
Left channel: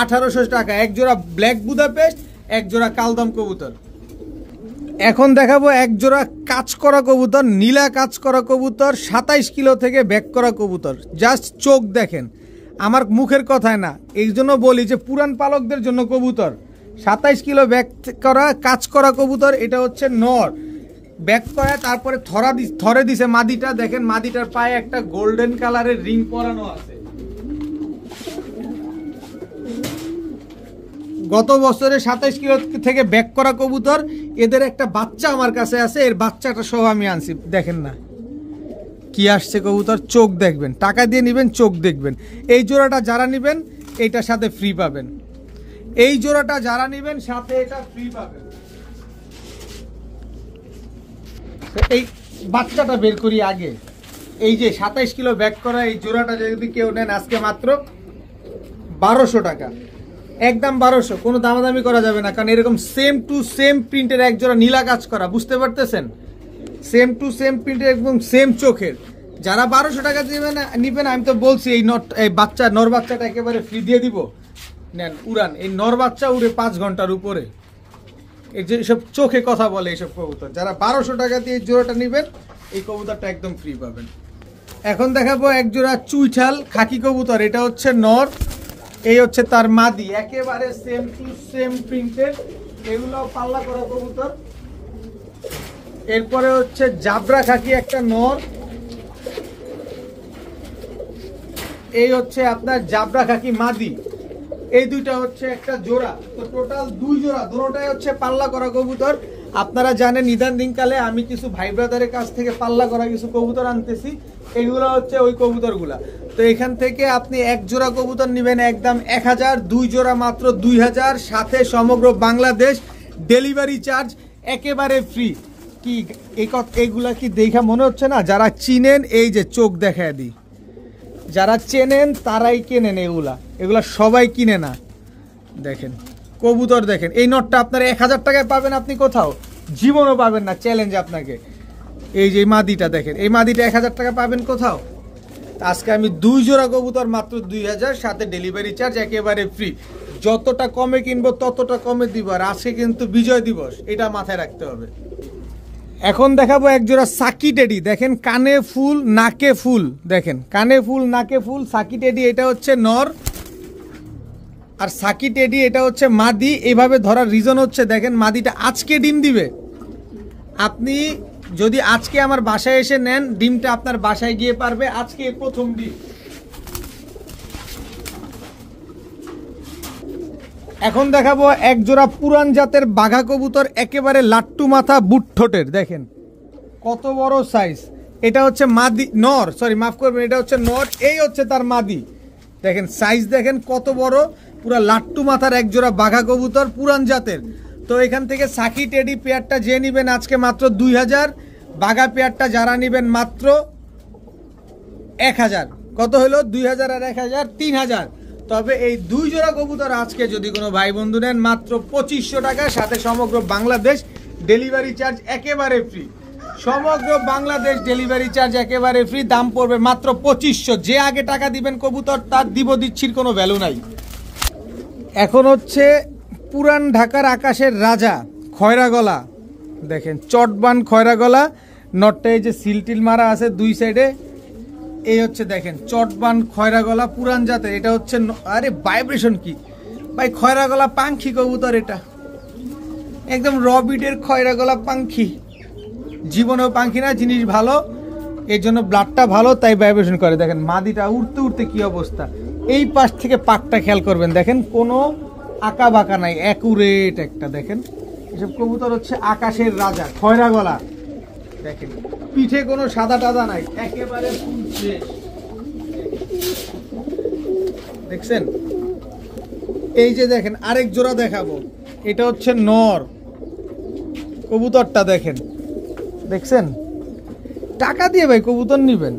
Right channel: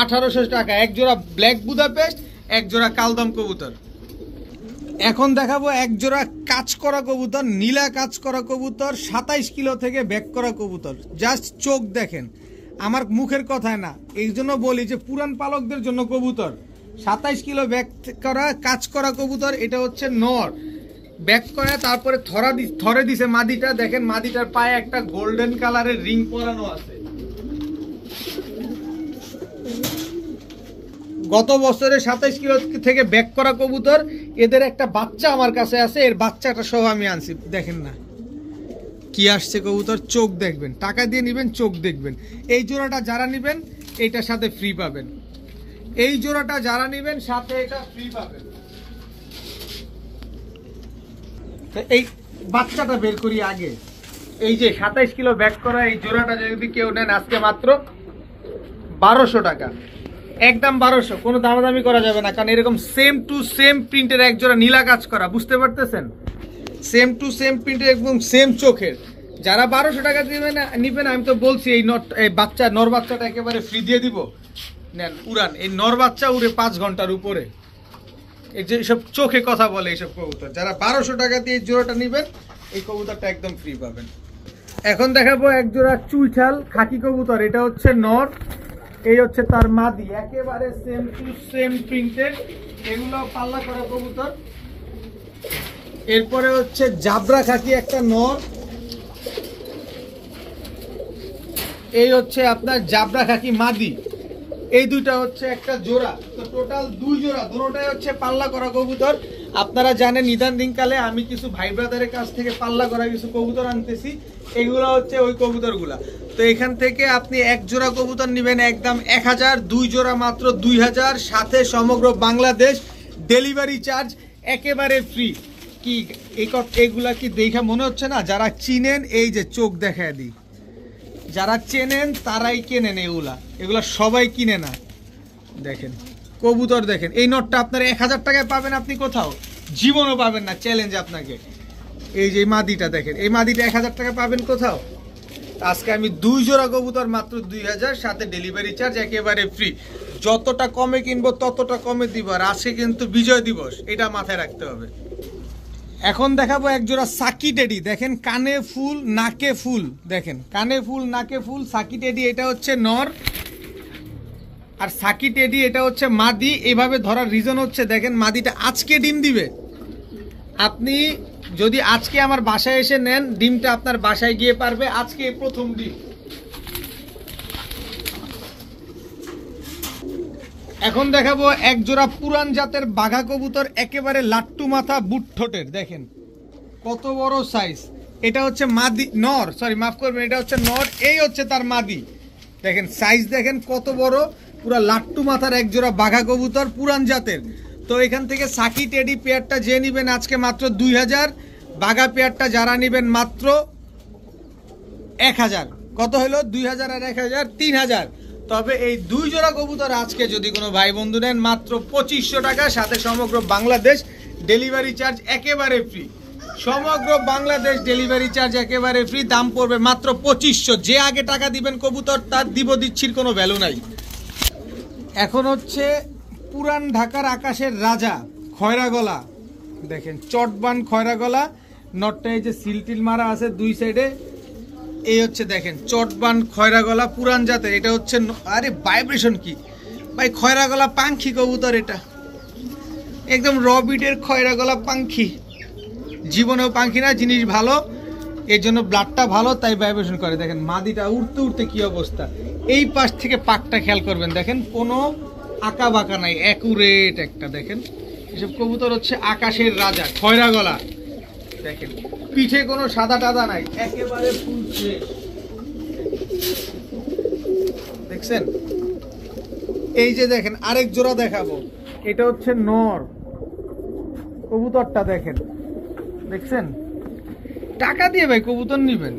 1800 টাকা, এক জোড়া ব্ল্যাক বুদাপেস্ট, এক জোড়া কালদম কবুতর। এখন দেখাবো এক জোড়া কাজ করা কবুতর, নীলা কাজ করা কবুতর, 27 কিলো থেকে ব্যাক করা কবুতর। জাস্ট চোখ দেখেন, আমার মুখের কথায় না, এই জন্য বলি যে পুরান পালকদের জন্য কবুতর। 27 কিলো ব্যাক করা কাজ করা কবুতর। এটা হচ্ছে নর, ব্যাক করা, তারপরে থরে দিছে মাদিটা। দেখেন মাদিটার পায়ে একটা গোল্ডেন কালারের রিং পরানো আছে। গত বছরে 27 কিলো থেকে ব্যাক করা কবুতর। এদের একটা বাচ্চা আমার কাছে আছে, এর বাচ্চাটা সহ আমি আনছি। দেখেন না কি আসছে কবুতর, চোখ দেখবেন, টাকা দিয়ে নিবেন, চোখ দেখবেন। এই জোড়াটা যারা নিবেন এইটার সাথে ফ্রি পাবেন, এই জোড়াটা যারা নিবেন সাথে এটা ফ্রি পাবেন। তো এই বাচ্চাটা বের করি আগে। এই যে 27 কিলো ব্যাক করা এই জোড়াটা যদি কেউ নেন আজকে মাত্র 1200 টাকা, একদম 1200, কোনো দামাদামি করা যাবে না, কারণ এরকম সেম টু সেম প্রিন্টের এক জোড়া নীলা কাজ করা, বুঝতে পারতেছেন? সেম টু সেম প্রিন্টের এবং সেম চোখের। যারা 1200 টাকা নিবেন, আমি তো বলছি এই বাচ্চা নর বাচ্চাটা একেবারে ফ্রি দিয়ে দিব, নেন উড়ান। এই নর বাচ্চা উড়ে 5 ঘন্টার উপরে, এই যে সব চোখে কথা বলে এইসব কবুতর। যারা 1200 টাকা দিয়ে এই জোড়াটা নিবেন, এই কবুতরটা একদম ফ্রি পাবেন। এখন দেখাবো এক জোড়া চুইঠাল খাকি কবুতর। এটা হচ্ছে নর, এই হচ্ছে তার মাদি, একেবারে সেম টু সেম প্রিন্টের, এগুলো পাল্লা করা কবুতর। এরপরে হচ্ছে জাবরা খাকি একটা নর, এই হচ্ছে আপনার জাবরা খাকি মাদি। এই দুইটা হচ্ছে একটা জোড়া। তো টোটাল 2 জোড়া, দুটোটাই হচ্ছে পাল্লা করা কবুতর। আপনারা জানেন ইদান দিনকালে আমি কিছু ভাই ব্রাদারের কাছ থেকে পাল্লা করা কিছু কবুতর আনতেছি, এগুলো হচ্ছে ওই কবুতরগুলা। তো এখান থেকে আপনি এক জোড়া কবুতর নেবেন একদম 1000, 2 জোড়া মাত্র 2000, সাথে সমগ্র বাংলাদেশ ডেলিভারি চার্জ একেবারে ফ্রি। কি এইগুলা কি দেখা মনে হচ্ছে না? যারা চিনেন এই যে চোখ দেখায় দিই, যারা চেনেন তারাই কেনেন, এগুলা সবাই কিনে না। দেখেন কবুতর দেখেন, এই নটটা আপনার 1000 টাকায় পাবেন, আপনি কোথাও জীবনও পাবেন না, চ্যালেঞ্জ আপনাকে। এই যে মাদিটা দেখেন, এই মাদিটা 1000 টাকা পাবেন কোথাও? আজকে আমি 2 জোড়া কবুতর মাত্র 2000, সাথে ডেলিভারি চার্জ একেবারে ফ্রি। যতটা কমে কিনবো ততটা কমে দিব, আর আজকে কিন্তু বিজয় দিবস, এটা মাথায় রাখতে হবে। এখন দেখাবো এক জোড়া সাকি টেডি। দেখেন কানে ফুল নাকে ফুল, দেখেন কানে ফুল নাকে ফুল সাকি টেডি। এটা হচ্ছে নর, আর সাকি টেডি এটা হচ্ছে মাদি। এইভাবে ধরার রিজন হচ্ছে দেখেন মাদিটা আজকে ডিম দিবে। আপনি যদি আজকে আমার বাসায় এসে নেন, ডিমটা আপনার বাসায় গিয়ে পারবে আজকে প্রথম ডিম। এখন দেখাবো এক জোড়া পুরান জাতের বাঘা কবুতর, একেবারে লাট্টু মাথা বুট ঠোঁটের। দেখেন কত বড় সাইজ। এটা হচ্ছে মাদি, নর, সরি মাফ করবেন, এটা হচ্ছে নর, এই হচ্ছে তার মাদি। দেখেন সাইজ দেখেন কত বড়, পুরা লাট্টু মাথার এক জোড়া বাঘা কবুতর পুরান জাতের। তো এখান থেকে সাকি টেডি পেয়ারটা যে নিবেন আজকে মাত্র 2000, বাঘা পেয়ারটা যারা নিবেন মাত্র 1000। কত হলো? 2000 আর 1000, 3000। তবে এই 2 জোড়া কবুতর আজকে যদি কোনো ভাই বন্ধু নেন মাত্র 2500 টাকা, সাথে সমগ্র বাংলাদেশ ডেলিভারি চার্জ একেবারে ফ্রি। সমগ্র বাংলাদেশ ডেলিভারি চার্জ একেবারে ফ্রি, দাম পড়বে মাত্র 2500। যে আগে টাকা দিবেন কবুতর তার দিচ্ছির কোনো ভ্যালু নাই। এখন হচ্ছে পুরান ঢাকার আকাশের রাজা খয়রা গলা, দেখেন চটবান খয়রা গলা, নটটা এই যে সিলটিল মারা আছে দুই সাইডে, এই হচ্ছে দেখেন চটবান খয়রা গলা পুরান জাতের। এটা হচ্ছে আরে ভাইব্রেশন কি ভাই, খয়রা গলা পাখি কবুতর, এটা একদম রবিডের খয়রা গলা পাখি, জীবনেও পাখি না, জিনিস ভালো, এর জন্য ব্লাডটা ভালো তাই ভাইব্রেশন করে। দেখেন মাদিটা উড়তে উড়তে কি অবস্থা, এই পাশ থেকে পাকটা খেয়াল করবেন, দেখেন কোনো আঁকা বাঁকা নাই, অ্যাকুরেট একটা। দেখেন এসব কবুতর হচ্ছে আকাশের রাজা খয়রা গলা, দেখেন পিঠে কোনো সাদা টাদা নাই, একেবারে ফুল ফ্রেশ। দেখছেন এই যে দেখেন আরেক জোড়া দেখাবো, এটা হচ্ছে নর কবুতরটা, দেখেন দেখছেন টাকা দিয়ে ভাই কবুতর নিবেন,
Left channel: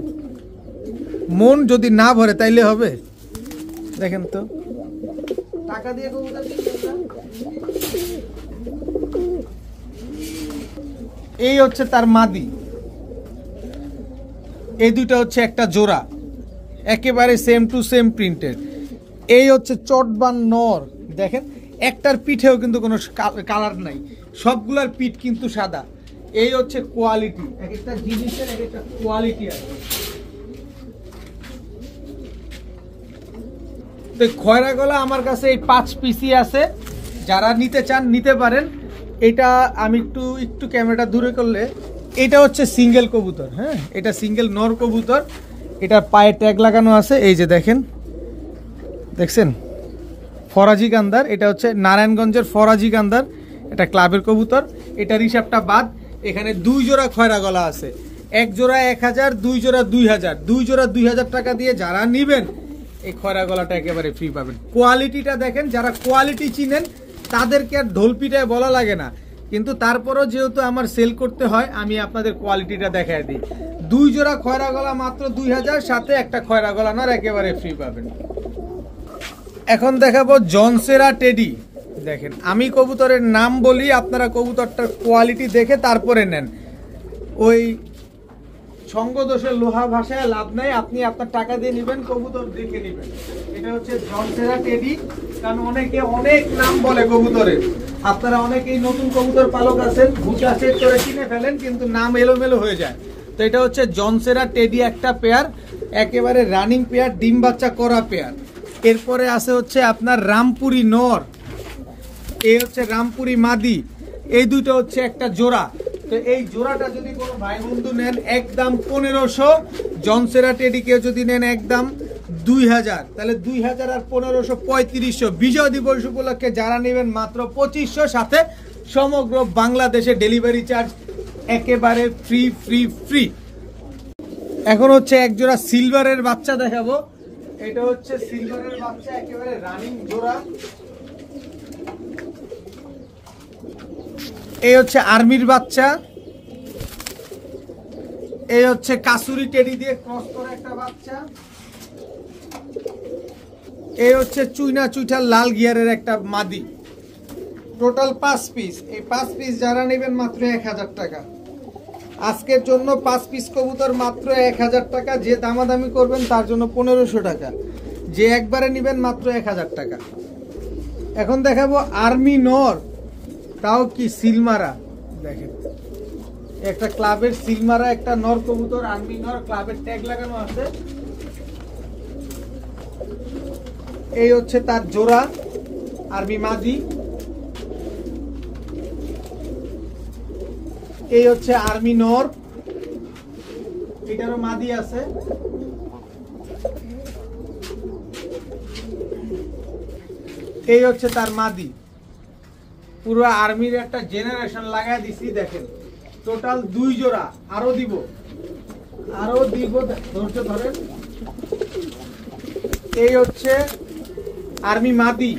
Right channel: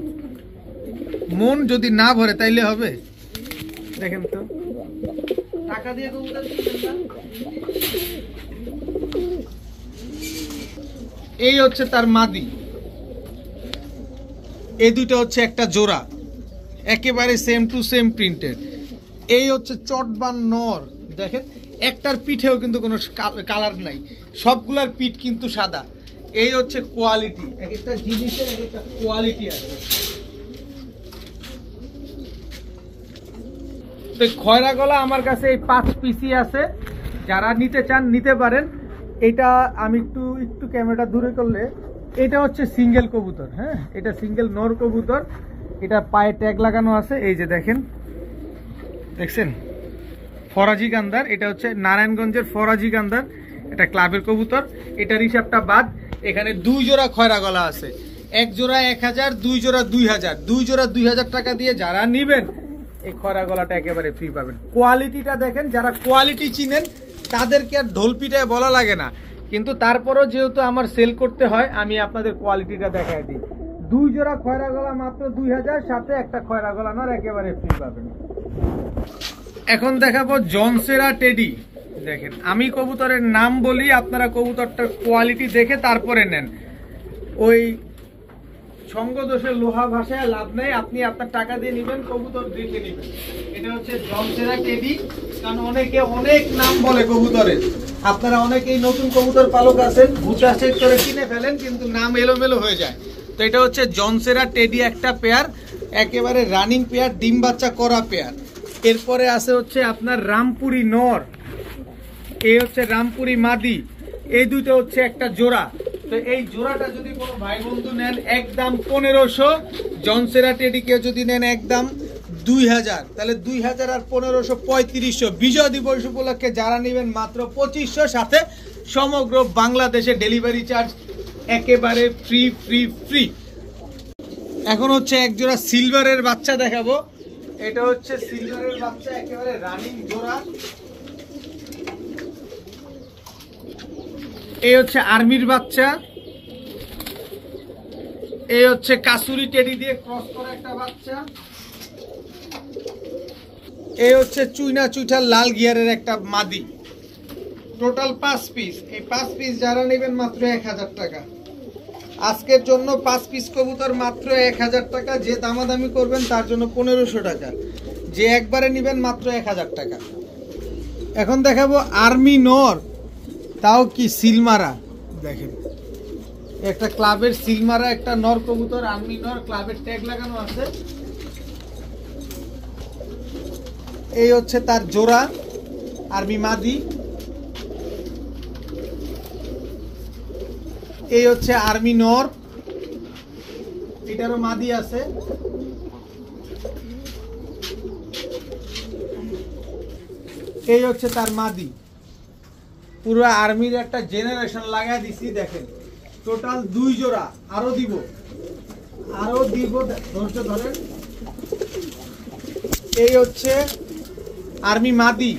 মন যদি না ভরে তাইলে হবে। দেখেন তো টাকা দিয়ে কবুতর এই হচ্ছে তার মাদি, এই দুইটা হচ্ছে একটা জোড়া, একেবারে সেম টু সেম প্রিন্টেড। এই হচ্ছে চটবান নর, দেখেন একটার পিঠেও কিন্তু কোনো কালার নাই, সবগুলার পিঠ কিন্তু সাদা। এই হচ্ছে কোয়ালিটি, এক একটা জিনিসের এক একটা কোয়ালিটি আছে। তো খয়রা গলা আমার কাছে এই 5 পিসই আছে, যারা নিতে চান নিতে পারেন। এটা আমি একটু ক্যামেরাটা দূরে করলে, এটা হচ্ছে সিঙ্গেল কবুতর, হ্যাঁ এটা সিঙ্গেল নর কবুতর, এটা পায়ে ট্যাগ লাগানো আছে, এই যে দেখেন দেখছেন ফরাজি গান্দার, এটা হচ্ছে নারায়ণগঞ্জের ফরাজি গান্দার, এটা ক্লাবের কবুতর। এটার হিসাবটা বাদ, এখানে 2 জোড়া খয়রা গলা আছে, এক জোড়া 1000, 2 জোড়া 2000, 2 জোড়া 2000 টাকা দিয়ে যারা নিবেন এই খয়রা গলাটা একেবারে ফ্রি পাবেন। কোয়ালিটিটা দেখেন, যারা কোয়ালিটি চিনেন তাদেরকে আর ঢোলপিটায় বলা লাগে না, কিন্তু তারপরও যেহেতু আমার সেল করতে হয় আমি আপনাদের কোয়ালিটিটা দেখায় দিই। 2 জোড়া খয়রা গলা মাত্র 2000, সাথে একটা খয়রা গলা নর একেবারে ফ্রি পাবেন। এখন দেখাবো জনসেরা টেডি, দেখেন আমি কবুতরের নাম বলি, আপনারা কবুতরটার কোয়ালিটি দেখে তারপরে নেন, ওই সঙ্গদোষের লোহা ভাষায় লাভ নাই, আপনি আপনার টাকা দিয়ে নেবেন কবুতর দেখে নেবেন। এটা হচ্ছে জনসেরা টেডি, কারণ অনেকে অনেক নাম বলে কবুতরের, আপনারা অনেকেই নতুন কবুতর পালক আছেন ভুটা চেক করে কিনে ফেলেন কিন্তু নাম এলোমেলো হয়ে যায়। তো এটা হচ্ছে জনসেরা টেডি একটা পেয়ার, একেবারে রানিং পেয়ার, ডিম বাচ্চা করা পেয়ার। এরপরে আছে হচ্ছে আপনার রামপুরি নর, এই হচ্ছে রামপুরি মাদি, এই দুটো হচ্ছে একটা জোড়া। তো এই জোড়াটা যদি কোনো ভাই বন্ধু নেন একদম 1500, জনসেরা টেডি কেউ যদি নেন একদম 2000, তাহলে 2000 আর 1500 3500। বিজয় দিবস উপলক্ষে যারা নেবেন মাত্র 2500, সাথে সমগ্র বাংলাদেশে ডেলিভারি চার্জ একেবারে ফ্রি ফ্রি ফ্রি। এখন হচ্ছে এক জোড়া সিলভারের বাচ্চা দেখাবো, এটা হচ্ছে সিলভারের বাচ্চা, একেবারে রানিং জোড়া। এই হচ্ছে আর্মির বাচ্চা, এই হচ্ছে কাসুরি টেডি দিয়ে ক্রস করা একটা বাচ্চা, এই হচ্ছে চুইনা চুইঠার লাল গিয়ারের একটা মাদি। টোটাল 5 পিস, এই 5 পিস যারা নেবেন মাত্র 1000 টাকা। আজকের জন্য 5 পিস কবুতর মাত্র 1000 টাকা, যে দামাদামি করবেন তার জন্য 1500 টাকা, যে একবারে নেবেন মাত্র 1000 টাকা। এখন দেখাবো আর্মি নর, তাও কি সিলমারা, দেখেন একটা ক্লাবের সিলমারা একটা নর কবুতর, আর্মি নর, ক্লাবের ট্যাগ লাগানো আছে। এই হচ্ছে তার জোড়া আর্মি মাদি, এই হচ্ছে আর্মি নর, এটারও মাদি আছে। এই হচ্ছে তার মাদি, পুরো আর্মির একটা জেনারেশন লাগাই দিছি। দেখেন টোটাল 2 জোড়া, আরো দিব ধৈর্য ধরেন। এই হচ্ছে আর্মি মাদি,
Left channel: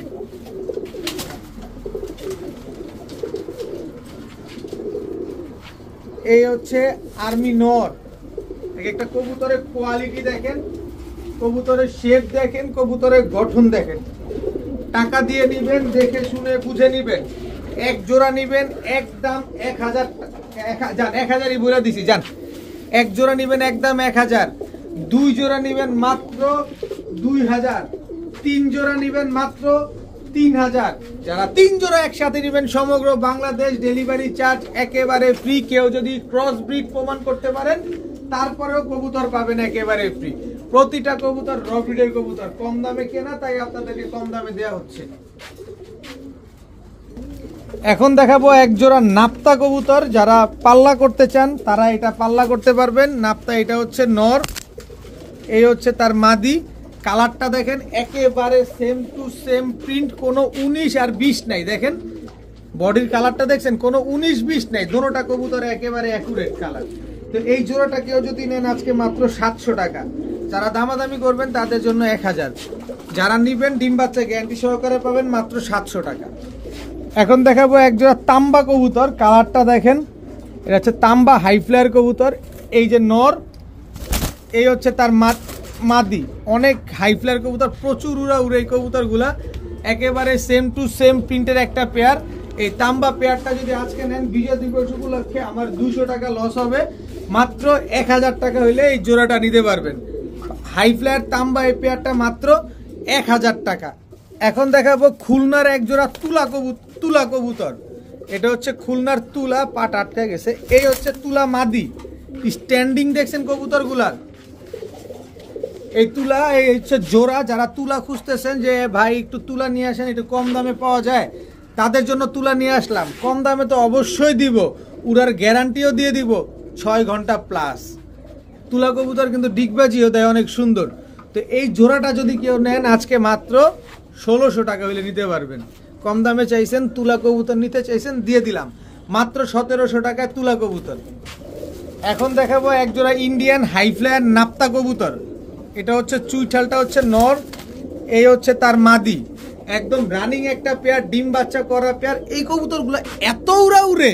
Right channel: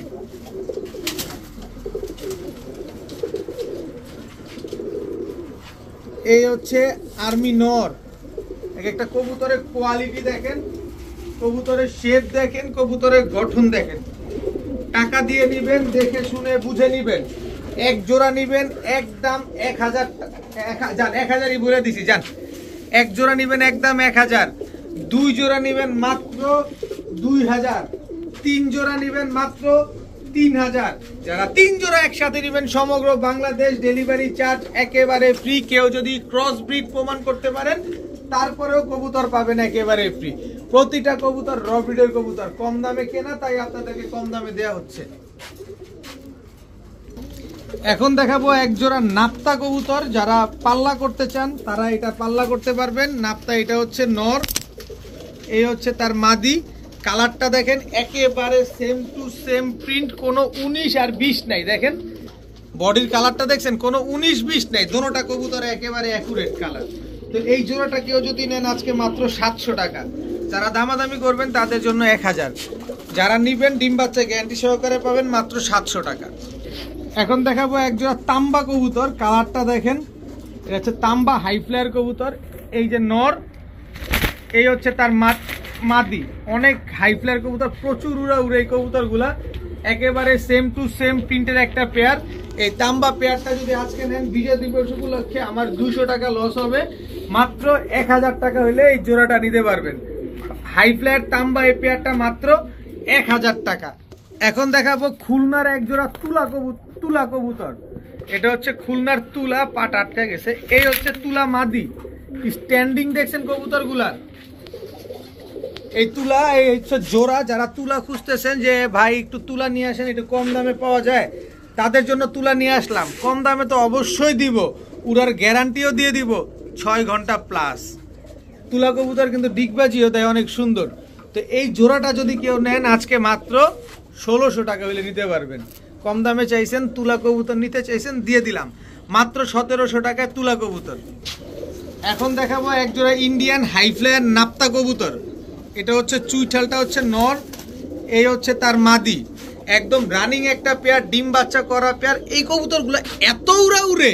এই হচ্ছে আর্মি নর। একটা কবুতরের কোয়ালিটি দেখেন, কবুতরের শেপ দেখেন, কবুতরের গঠন দেখেন। টাকা দিয়ে নিবেন, দেখে শুনে বুঝে নিবেন, এক জোড়া নিবেন একদম 1000, 1000ই বলে দিছি জান। এক জোড়া নিবেন একদম 1000, 2 জোড়া নিবেন মাত্র 2000, 3 জোড়া নিবেন মাত্র 3000। যারা 3 জোড়া একসাথে নিবেন সমগ্র বাংলাদেশ ডেলিভারি চার্জ একেবারে ফ্রি। কেউ যদি ক্রস ব্রিড প্রমাণ করতে পারেন তারপরেও কবুতর পাবেন একেবারে ফ্রি। প্রতিটা কবুতর র ব্রিডের কবুতর, কম দামে কেনা, তাই আপনাদেরকে কম দামে দেওয়া হচ্ছে। এখন দেখাবো এক জোড়া নাপ্তা কবুতর। যারা পাল্লা করতে চান তারা এটা পাল্লা করতে পারবেন। নাপ্তা এটা হচ্ছে নর, এই হচ্ছে তার মাদি। কালারটা দেখেন একেবারে সেম টু সেম প্রিন্ট, কোনো 19 আর 20 নাই। দেখেন বডির কালারটা দেখছেন, কোনো 19-20 নাই, দুটোটা কবুতর একেবারে অ্যাকুরেট কালার। তো এই জোড়াটা কেউ যদি নেন আজকে মাত্র 700 টাকা। যারা দামাদামি করবেন তাদের জন্য 1000, যারা নিবেন ডিম বাচ্চা গ্যারান্টি সহকারে পাবেন মাত্র 700 টাকা। এখন দেখাবো এক জোড়া তাম্বা কবুতর। কালারটা দেখেন, এটা হচ্ছে তাম্বা হাই ফ্লায়ার কবুতর। এই যে নর, এই হচ্ছে তার মাদি। অনেক হাই ফ্লায়ার কবুতর, প্রচুর উড়া উড়ে এই কবুতরগুলা, একেবারে সেম টু সেম প্রিন্টের একটা পেয়ার। এই তাম্বা পেয়ারটা যদি আজকে নেন বিজয় দিবস উপলক্ষে আমার 200 টাকা লস হবে। মাত্র 1000 টাকা হইলে এই জোড়াটা নিতে পারবেন। হাই ফ্লায়ার তাম্বা এই পেয়ারটা মাত্র 1000 টাকা। এখন দেখাবো খুলনার এক জোড়া তুলা কবুতর। এটা হচ্ছে খুলনার তুলা, পাট আটকা গেছে। এই হচ্ছে তুলা মাদি। স্ট্যান্ডিং দেখছেন কবুতরগুলার, এই তুলা, এই হচ্ছে জোড়া। যারা তুলা খুঁজতেছেন যে ভাই একটু তুলা নিয়ে আসেন, একটু কম দামে পাওয়া যায়, তাদের জন্য তুলা নিয়ে আসলাম। কম দামে তো অবশ্যই দিব, উড়ার গ্যারান্টিও দিয়ে দিব 6 ঘন্টা প্লাস। তুলা কবুতর কিন্তু ডিগবাজিও দেয় অনেক সুন্দর। তো এই জোড়াটা যদি কেউ নেন আজকে মাত্র 1600 টাকা হলে নিতে পারবেন। কম দামে চাইছেন, তুলা কবুতর নিতে চাইছেন, দিয়ে দিলাম মাত্র 1700 টাকায় তুলা কবুতর। এখন দেখাবো এক জোড়া ইন্ডিয়ান হাই ফ্লায়ার নাপ্তা কবুতর। এটা হচ্ছে চুইঠালটা হচ্ছে নর, এই হচ্ছে তার মাদি। একদম রানিং একটা পেয়ার, ডিম বাচ্চা করা পেয়ার। এই কবুতরগুলো এত উড়া উড়ে,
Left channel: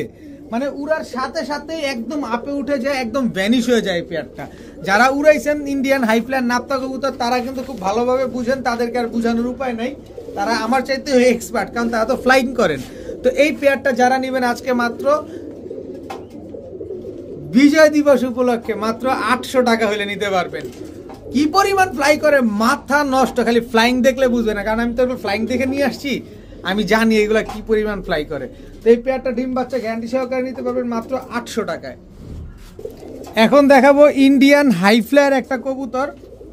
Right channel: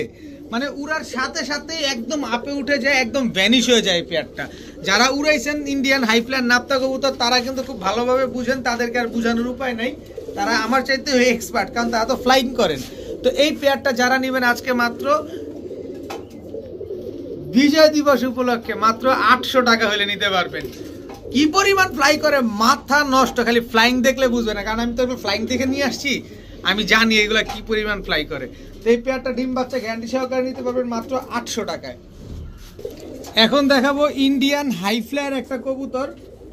মানে উড়ার সাথে সাথে একদম আপে উঠে যায়, একদম ভ্যানিশ হয়ে যায় পেয়ারটা। যারা উড়াইছেন ইন্ডিয়ান হাই ফ্লায়ার নাপ্তা কবুতর তারা কিন্তু খুব ভালোভাবে বুঝেন, তাদেরকে আর বোঝানোর উপায় নাই। তারা আমার চাইতে এক্সপার্ট, কারণ তারা তো ফ্লাইং করেন। তো এই পেয়ারটা যারা নেবেন আজকে মাত্র বিজয় দিবস উপলক্ষে মাত্র 800 টাকা হলে নিতে পারবেন। কি পরিমাণ ফ্লাই করে মাথা নষ্ট, খালি ফ্লাইং দেখলে বুঝবে না, কারণ আমি তো ফ্লাইং দেখে নিয়ে আসছি, আমি জানি এগুলা কি পরিমাণ ফ্লাই করে। তো এই পেয়ারটা ডিম বাচ্চা গ্যারান্টি সহকারে নিতে পারবেন মাত্র 800 টাকায়। এখন দেখাবো ইন্ডিয়ান হাই ফ্লায়ার একটা কবুতর।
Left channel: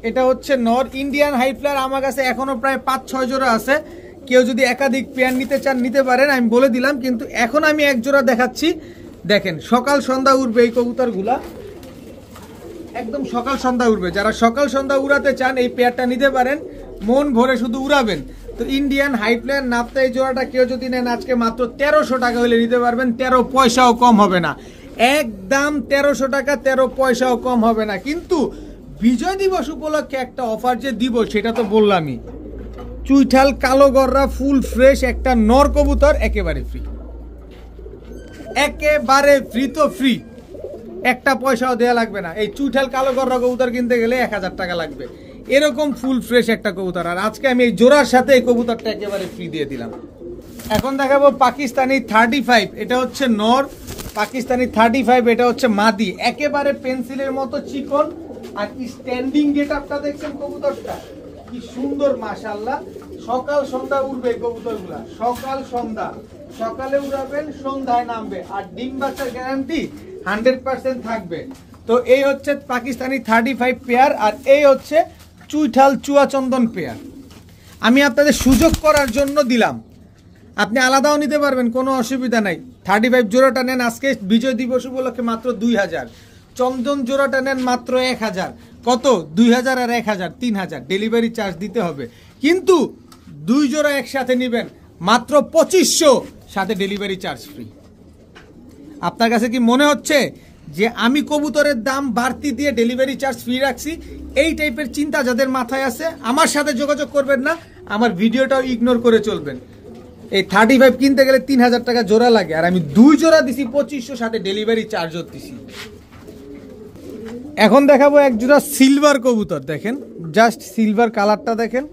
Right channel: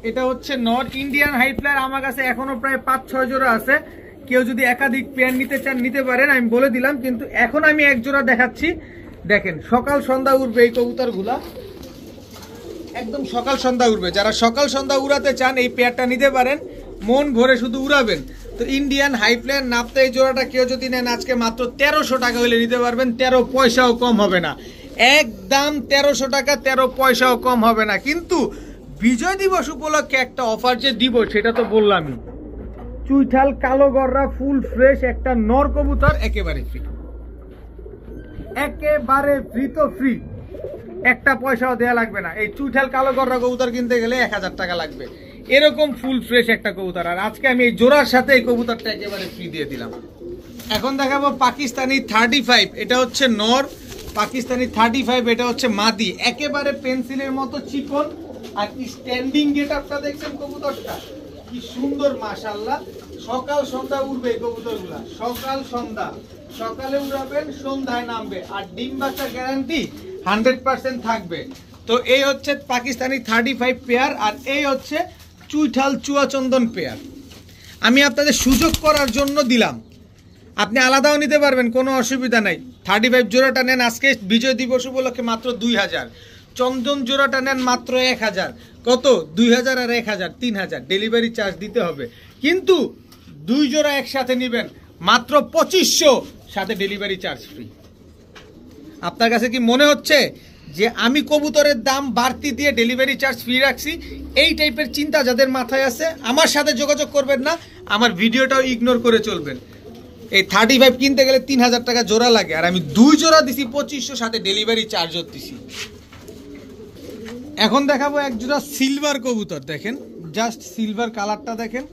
এটা হচ্ছে নর। ইন্ডিয়ান হাই ফ্লায়ার আমার কাছে এখনো প্রায় 5-6 জোড়া আছে। কেউ যদি একাধিক পেয়ার নিতে চান নিতে পারেন, আমি বলে দিলাম। কিন্তু এখন আমি এক জোড়া দেখাচ্ছি, দেখেন সকাল সন্ধ্যা উড়বে এই কবুতরগুলা, একদম সকাল সন্ধ্যা উড়বে। যারা সকাল সন্ধ্যা উড়াতে চান এই পেয়ারটা নিতে পারেন, মন ভরে শুধু উড়াবেন। তো ইন্ডিয়ান হাই ফ্লায়ার নাপ্তা এই জোড়াটা কেউ যদি নেন আজকে মাত্র 1300 টাকা হলে নিতে পারবেন। 13 পয়সাও কম হবে না, একদম 1300 টাকা, 13 পয়সাও কম হবে না। কিন্তু বিজয় দিবস উপলক্ষে একটা অফার যে দিব সেটা তো বললামই। চুইঠাল কালো গররা ফুল ফ্রেশ একটা নর কবুতর একেবারে ফ্রি, একেবারে ফ্রি। তো ফ্রি, একটা পয়সাও দেয়া লাগবে না। এই চুইঠাল কালো গররা কবুতর কিনতে গেলে 1000 টাকা লাগবে, এরকম ফুল ফ্রেশ একটা কবুতর। আর আজকে আমি এই জোড়ার সাথে এই কবুতরটা একেবারে ফ্রি দিয়ে দিলাম। এখন দেখাবো পাকিস্তানি 35। এটা হচ্ছে নর, পাকিস্তানি 35, এটা হচ্ছে মাদি। একেবারে পেন্সিলের মতো চিকন, আর স্ট্যান্ডিং গেটআপটা দেখছেন কবুতরটা কি সুন্দর, মাশাআল্লাহ। সকাল সন্ধ্যা উড়বে এই কবুতরগুলা, সকাল সন্ধ্যা। সকালে উড়াবেন, সন্ধ্যায় নামবে, আর ডিম বাচ্চার গ্যারান্টি 100% থাকবে। তো এই হচ্ছে পাকিস্তানি 35 পেয়ার, আর এই হচ্ছে চুইঠাল চুয়াচন্দন পেয়ার। আমি আপনাদের সুযোগ করার জন্য দিলাম, আপনি আলাদাও নিতে পারবেন, কোনো অসুবিধা নাই। 35 জোড়াটা নেন আজকে বিজয় দিবস উপলক্ষে মাত্র 2000। চন্দন জোড়াটা নেন মাত্র 1000। কত? 2000 আর 1000, 3000 ডেলিভারি চার্জ দিতে হবে। কিন্তু 2 জোড়া একসাথে নেবেন মাত্র 2500, সাথে ডেলিভারি চার্জ ফ্রি। আপনার কাছে কি মনে হচ্ছে যে আমি কবুতরের দাম বাড়তি দিয়ে ডেলিভারি চার্জ ফ্রি রাখছি? এই টাইপের চিন্তা যাদের মাথায় আছে আমার সাথে যোগাযোগ করবেন না, আমার ভিডিওটাও ইগনোর করে চলবেন। এই 35 কিনতে গেলে 3000 টাকা জোড়া লাগে, আর আমি 2 জোড়া দিছি 2500, সাথে ডেলিভারি চার্জও দিছি। এখন দেখাবো এক জোড়া সিলভার কবুতর। দেখেন জাস্ট সিলভার কালারটা দেখেন,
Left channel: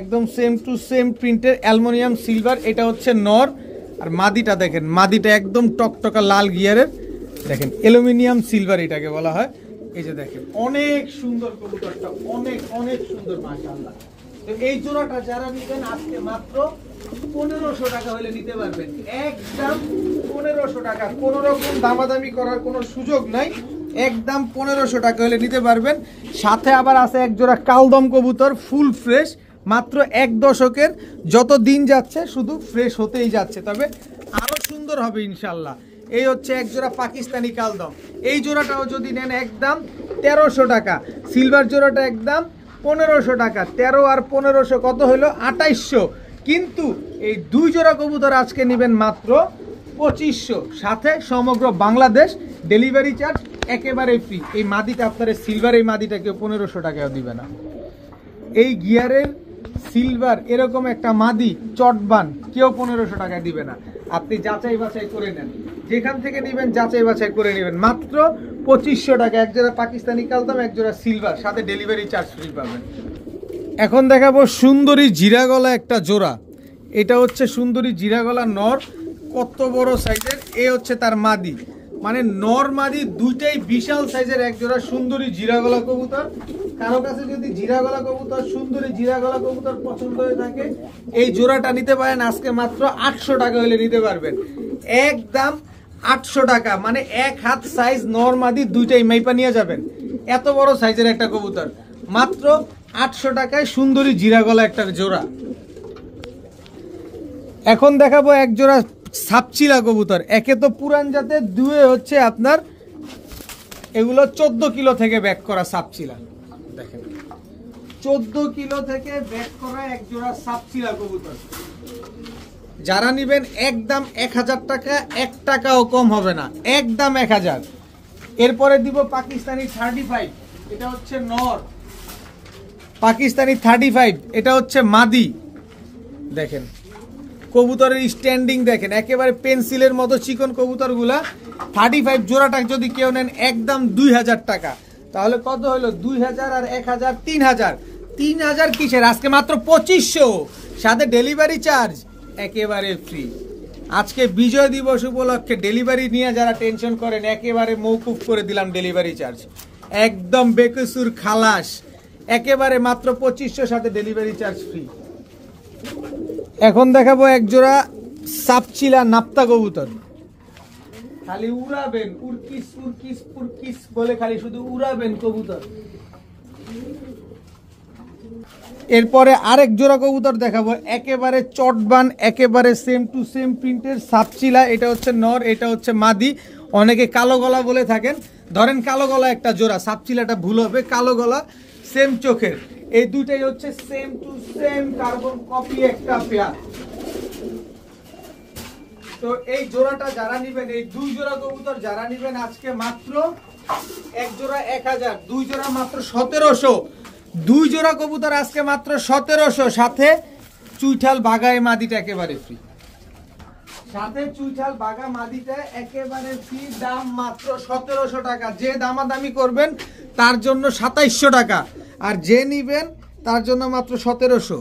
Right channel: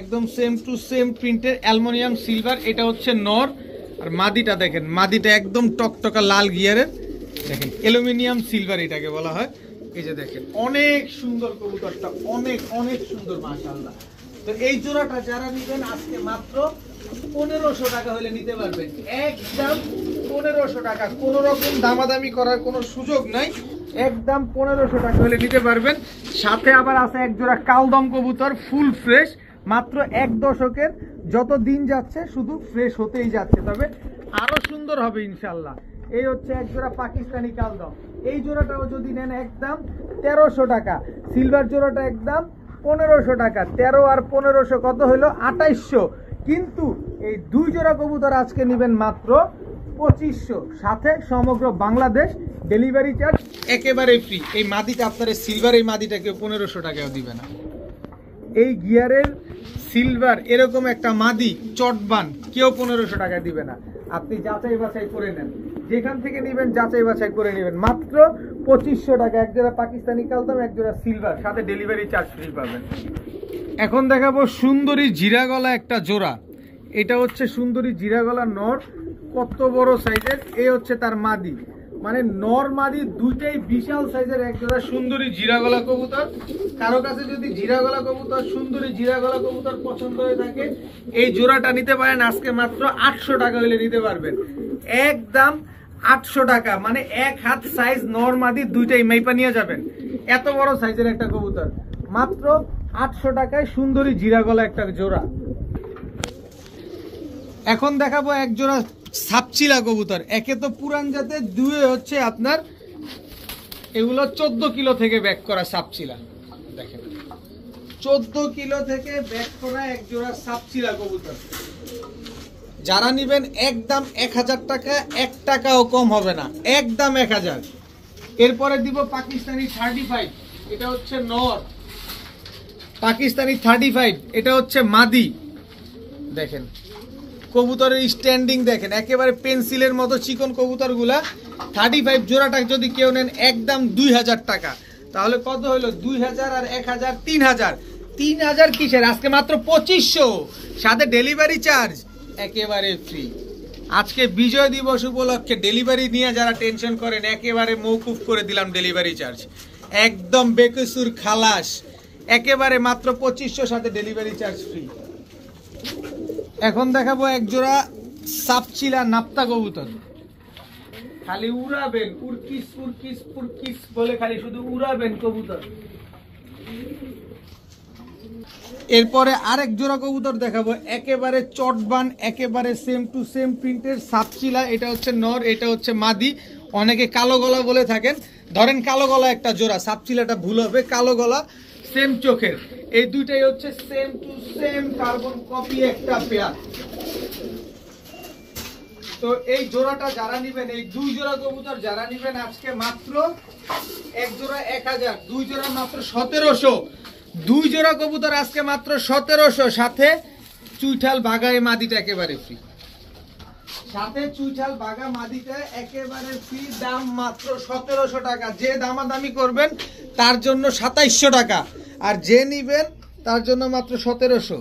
একদম সেম টু সেম প্রিন্টের অ্যালুমিনিয়াম সিলভার। এটা হচ্ছে নর, আর মাদিটা দেখেন, মাদিটা একদম টকটকা লাল গিয়ারের, দেখেন অ্যালুমিনিয়াম সিলভার এটাকে বলা হয়। এই যে দেখেন অনেক সুন্দর কবুতরটা, অনেক অনেক সুন্দর মাশাআল্লাহ। তো এই জোড়াটা যারা নেবেন আজকে মাত্র 1500 টাকা হলে নিতে পারবেন, একদম 1500 টাকা, কোনো রকম দামাদামি করার কোনো সুযোগ নাই, একদম 1500 টাকা হলে নিতে পারবেন। সাথে আবার আছে এক জোড়া কালদম কবুতর, ফুল ফ্রেশ, মাত্র 1 দশকের, যত দিন যাচ্ছে শুধু ফ্রেশ হতেই যাচ্ছে, তবে আরো সুন্দর হবে ইনশাল্লাহ। এই হচ্ছে এক জোড়া পাকিস্তানি কালদম, এই জোড়াটাও যদি নেন একদম 1300 টাকা, সিলভার জোড়াটা একদম 1500 টাকা, 13 আর 1500 কত হলো 2800। কিন্তু এই 2 জোড়া কবুতর আজকে নেবেন মাত্র 2500, সাথে সমগ্র বাংলাদেশ ডেলিভারি চার্জ একেবারে ফ্রি। এই মাদিটা আপনার সিলভার, এই মাদিটা কেউ 1500 টাকাও দিবে না। এই গিয়ারের সিলভার এরকম একটা মাদি চটবান কেউ 1500 টাকা দিবে না। আপনি যাচাই বাছাই করে নেন, যেখান থেকে নেবেন যাচাই বাছাই করে নেবেন, মাত্র 2500 টাকা এক জোড়া পাকিস্তানি কালদম, এক জোড়া সিলভার, সাথে ডেলিভারি চার্জ ফ্রি পাবেন। এখন দেখাবো সুন্দরী জিরা গলা একটা জোড়া, এটা হচ্ছে সুন্দরী জিরা গলা নর, কত বড় সাইজের, এই হচ্ছে তার মাদি, মানে নর মাদি দুইটাই বিশাল সাইজের এক জোড়া সুন্দরী জিরা গলা কবুতর। কারো কাছে যদি জিরা গলা কবুতর, সুন্দরী জিরা গলা কবুতর পছন্দ হয়ে থাকে, এই জোড়াটা নিতে পারেন আজকে মাত্র 800 টাকা হলে নিতে পারবেন, একদম 800 টাকা, মানে 1 হাত সাইজ নর মাদি দুইটাই মাইপা নিয়ে যাবেন, এত বড় সাইজের একটা কবুতর, মাত্র 800 টাকায় সুন্দরী জিরা গলা একটা জোড়া। এখন দেখাবো এক জোড়া সাপচিলা কবুতর, একে তো পুরান জাতের, দুয়ে হচ্ছে আপনার এগুলো 14 কিলো থেকে ব্যাক করা সাপচিলা, দেখেন 14 কিলো থেকে ব্যাক করা এক জোড়া সাপচিলা কবুতর। যারা নিবেন একদম 1000 টাকা, 1 টাকাও কম হবে না, একদম 1000। এরপরে দিব পাকিস্তানি 35, এটা হচ্ছে নর, পাকিস্তানি 35, এটা হচ্ছে মাদি। দেখেন কবুতরের স্ট্যান্ডিং দেখেন, একেবারে পেন্সিলের মতো চিকন কবুতরগুলা। 35 জোড়াটা যদি কেউ নেন একদম 2000 টাকা, তাহলে কত হলো 2000 আর 1000, 3000। 3000 কিসের, আজকে মাত্র 2500, সাথে ডেলিভারি চার্জ একেবারে ফ্রি। আজকে বিজয় দিবস উপলক্ষে ডেলিভারি নিয়ে যারা টেনশন করেন, একেবারে মৌকুফ করে দিলাম ডেলিভারি চার্জ, একদম বেকসুর খালাস, একেবারে মাত্র 2500, সাথে ডেলিভারি চার্জ ফ্রি। এখন দেখাবো এক জোড়া সাপচিলা নাপ্তা কবুতর, খালি উড়াবেন, উড়কিস উড়কিস উড়কিস বলে খালি শুধু উড়াবেন কবুতর। এরপরে আরেক জোড়া কবুতর দেখাবো, একেবারে চটবান, একেবারে সেম টু সেম প্রিন্টের সাপচিলা, এটা হচ্ছে নর, এটা হচ্ছে মাদি। অনেকে কালো গলা বলে থাকেন, ধরেন কালো গলা একটা জোড়া, সাপচিলাটা ভুল হবে, কালো গলা সেম চোখের, এই দুইটাই হচ্ছে same to same carbon copy একটা পেয়ার। তো এই জোড়াটা যারা নিবেন, এই 2 জোড়া কবুতর যারা নিবেন আজকে মাত্র এক জোড়া 1000, 2 জোড়া মাত্র 1700। 2 জোড়া কবুতর আজকে মাত্র 1700, সাথে চুইঠাল বাগায় মাদিটা একেবারে ফ্রি, সাথে চুইঠাল বাগা মাদিটা একেবারে ফ্রি, দাম মাত্র 1700 টাকা। যে দামাদামি করবেন তার জন্য 2700 টাকা, আর যে নিবেন তার জন্য মাত্র 1700।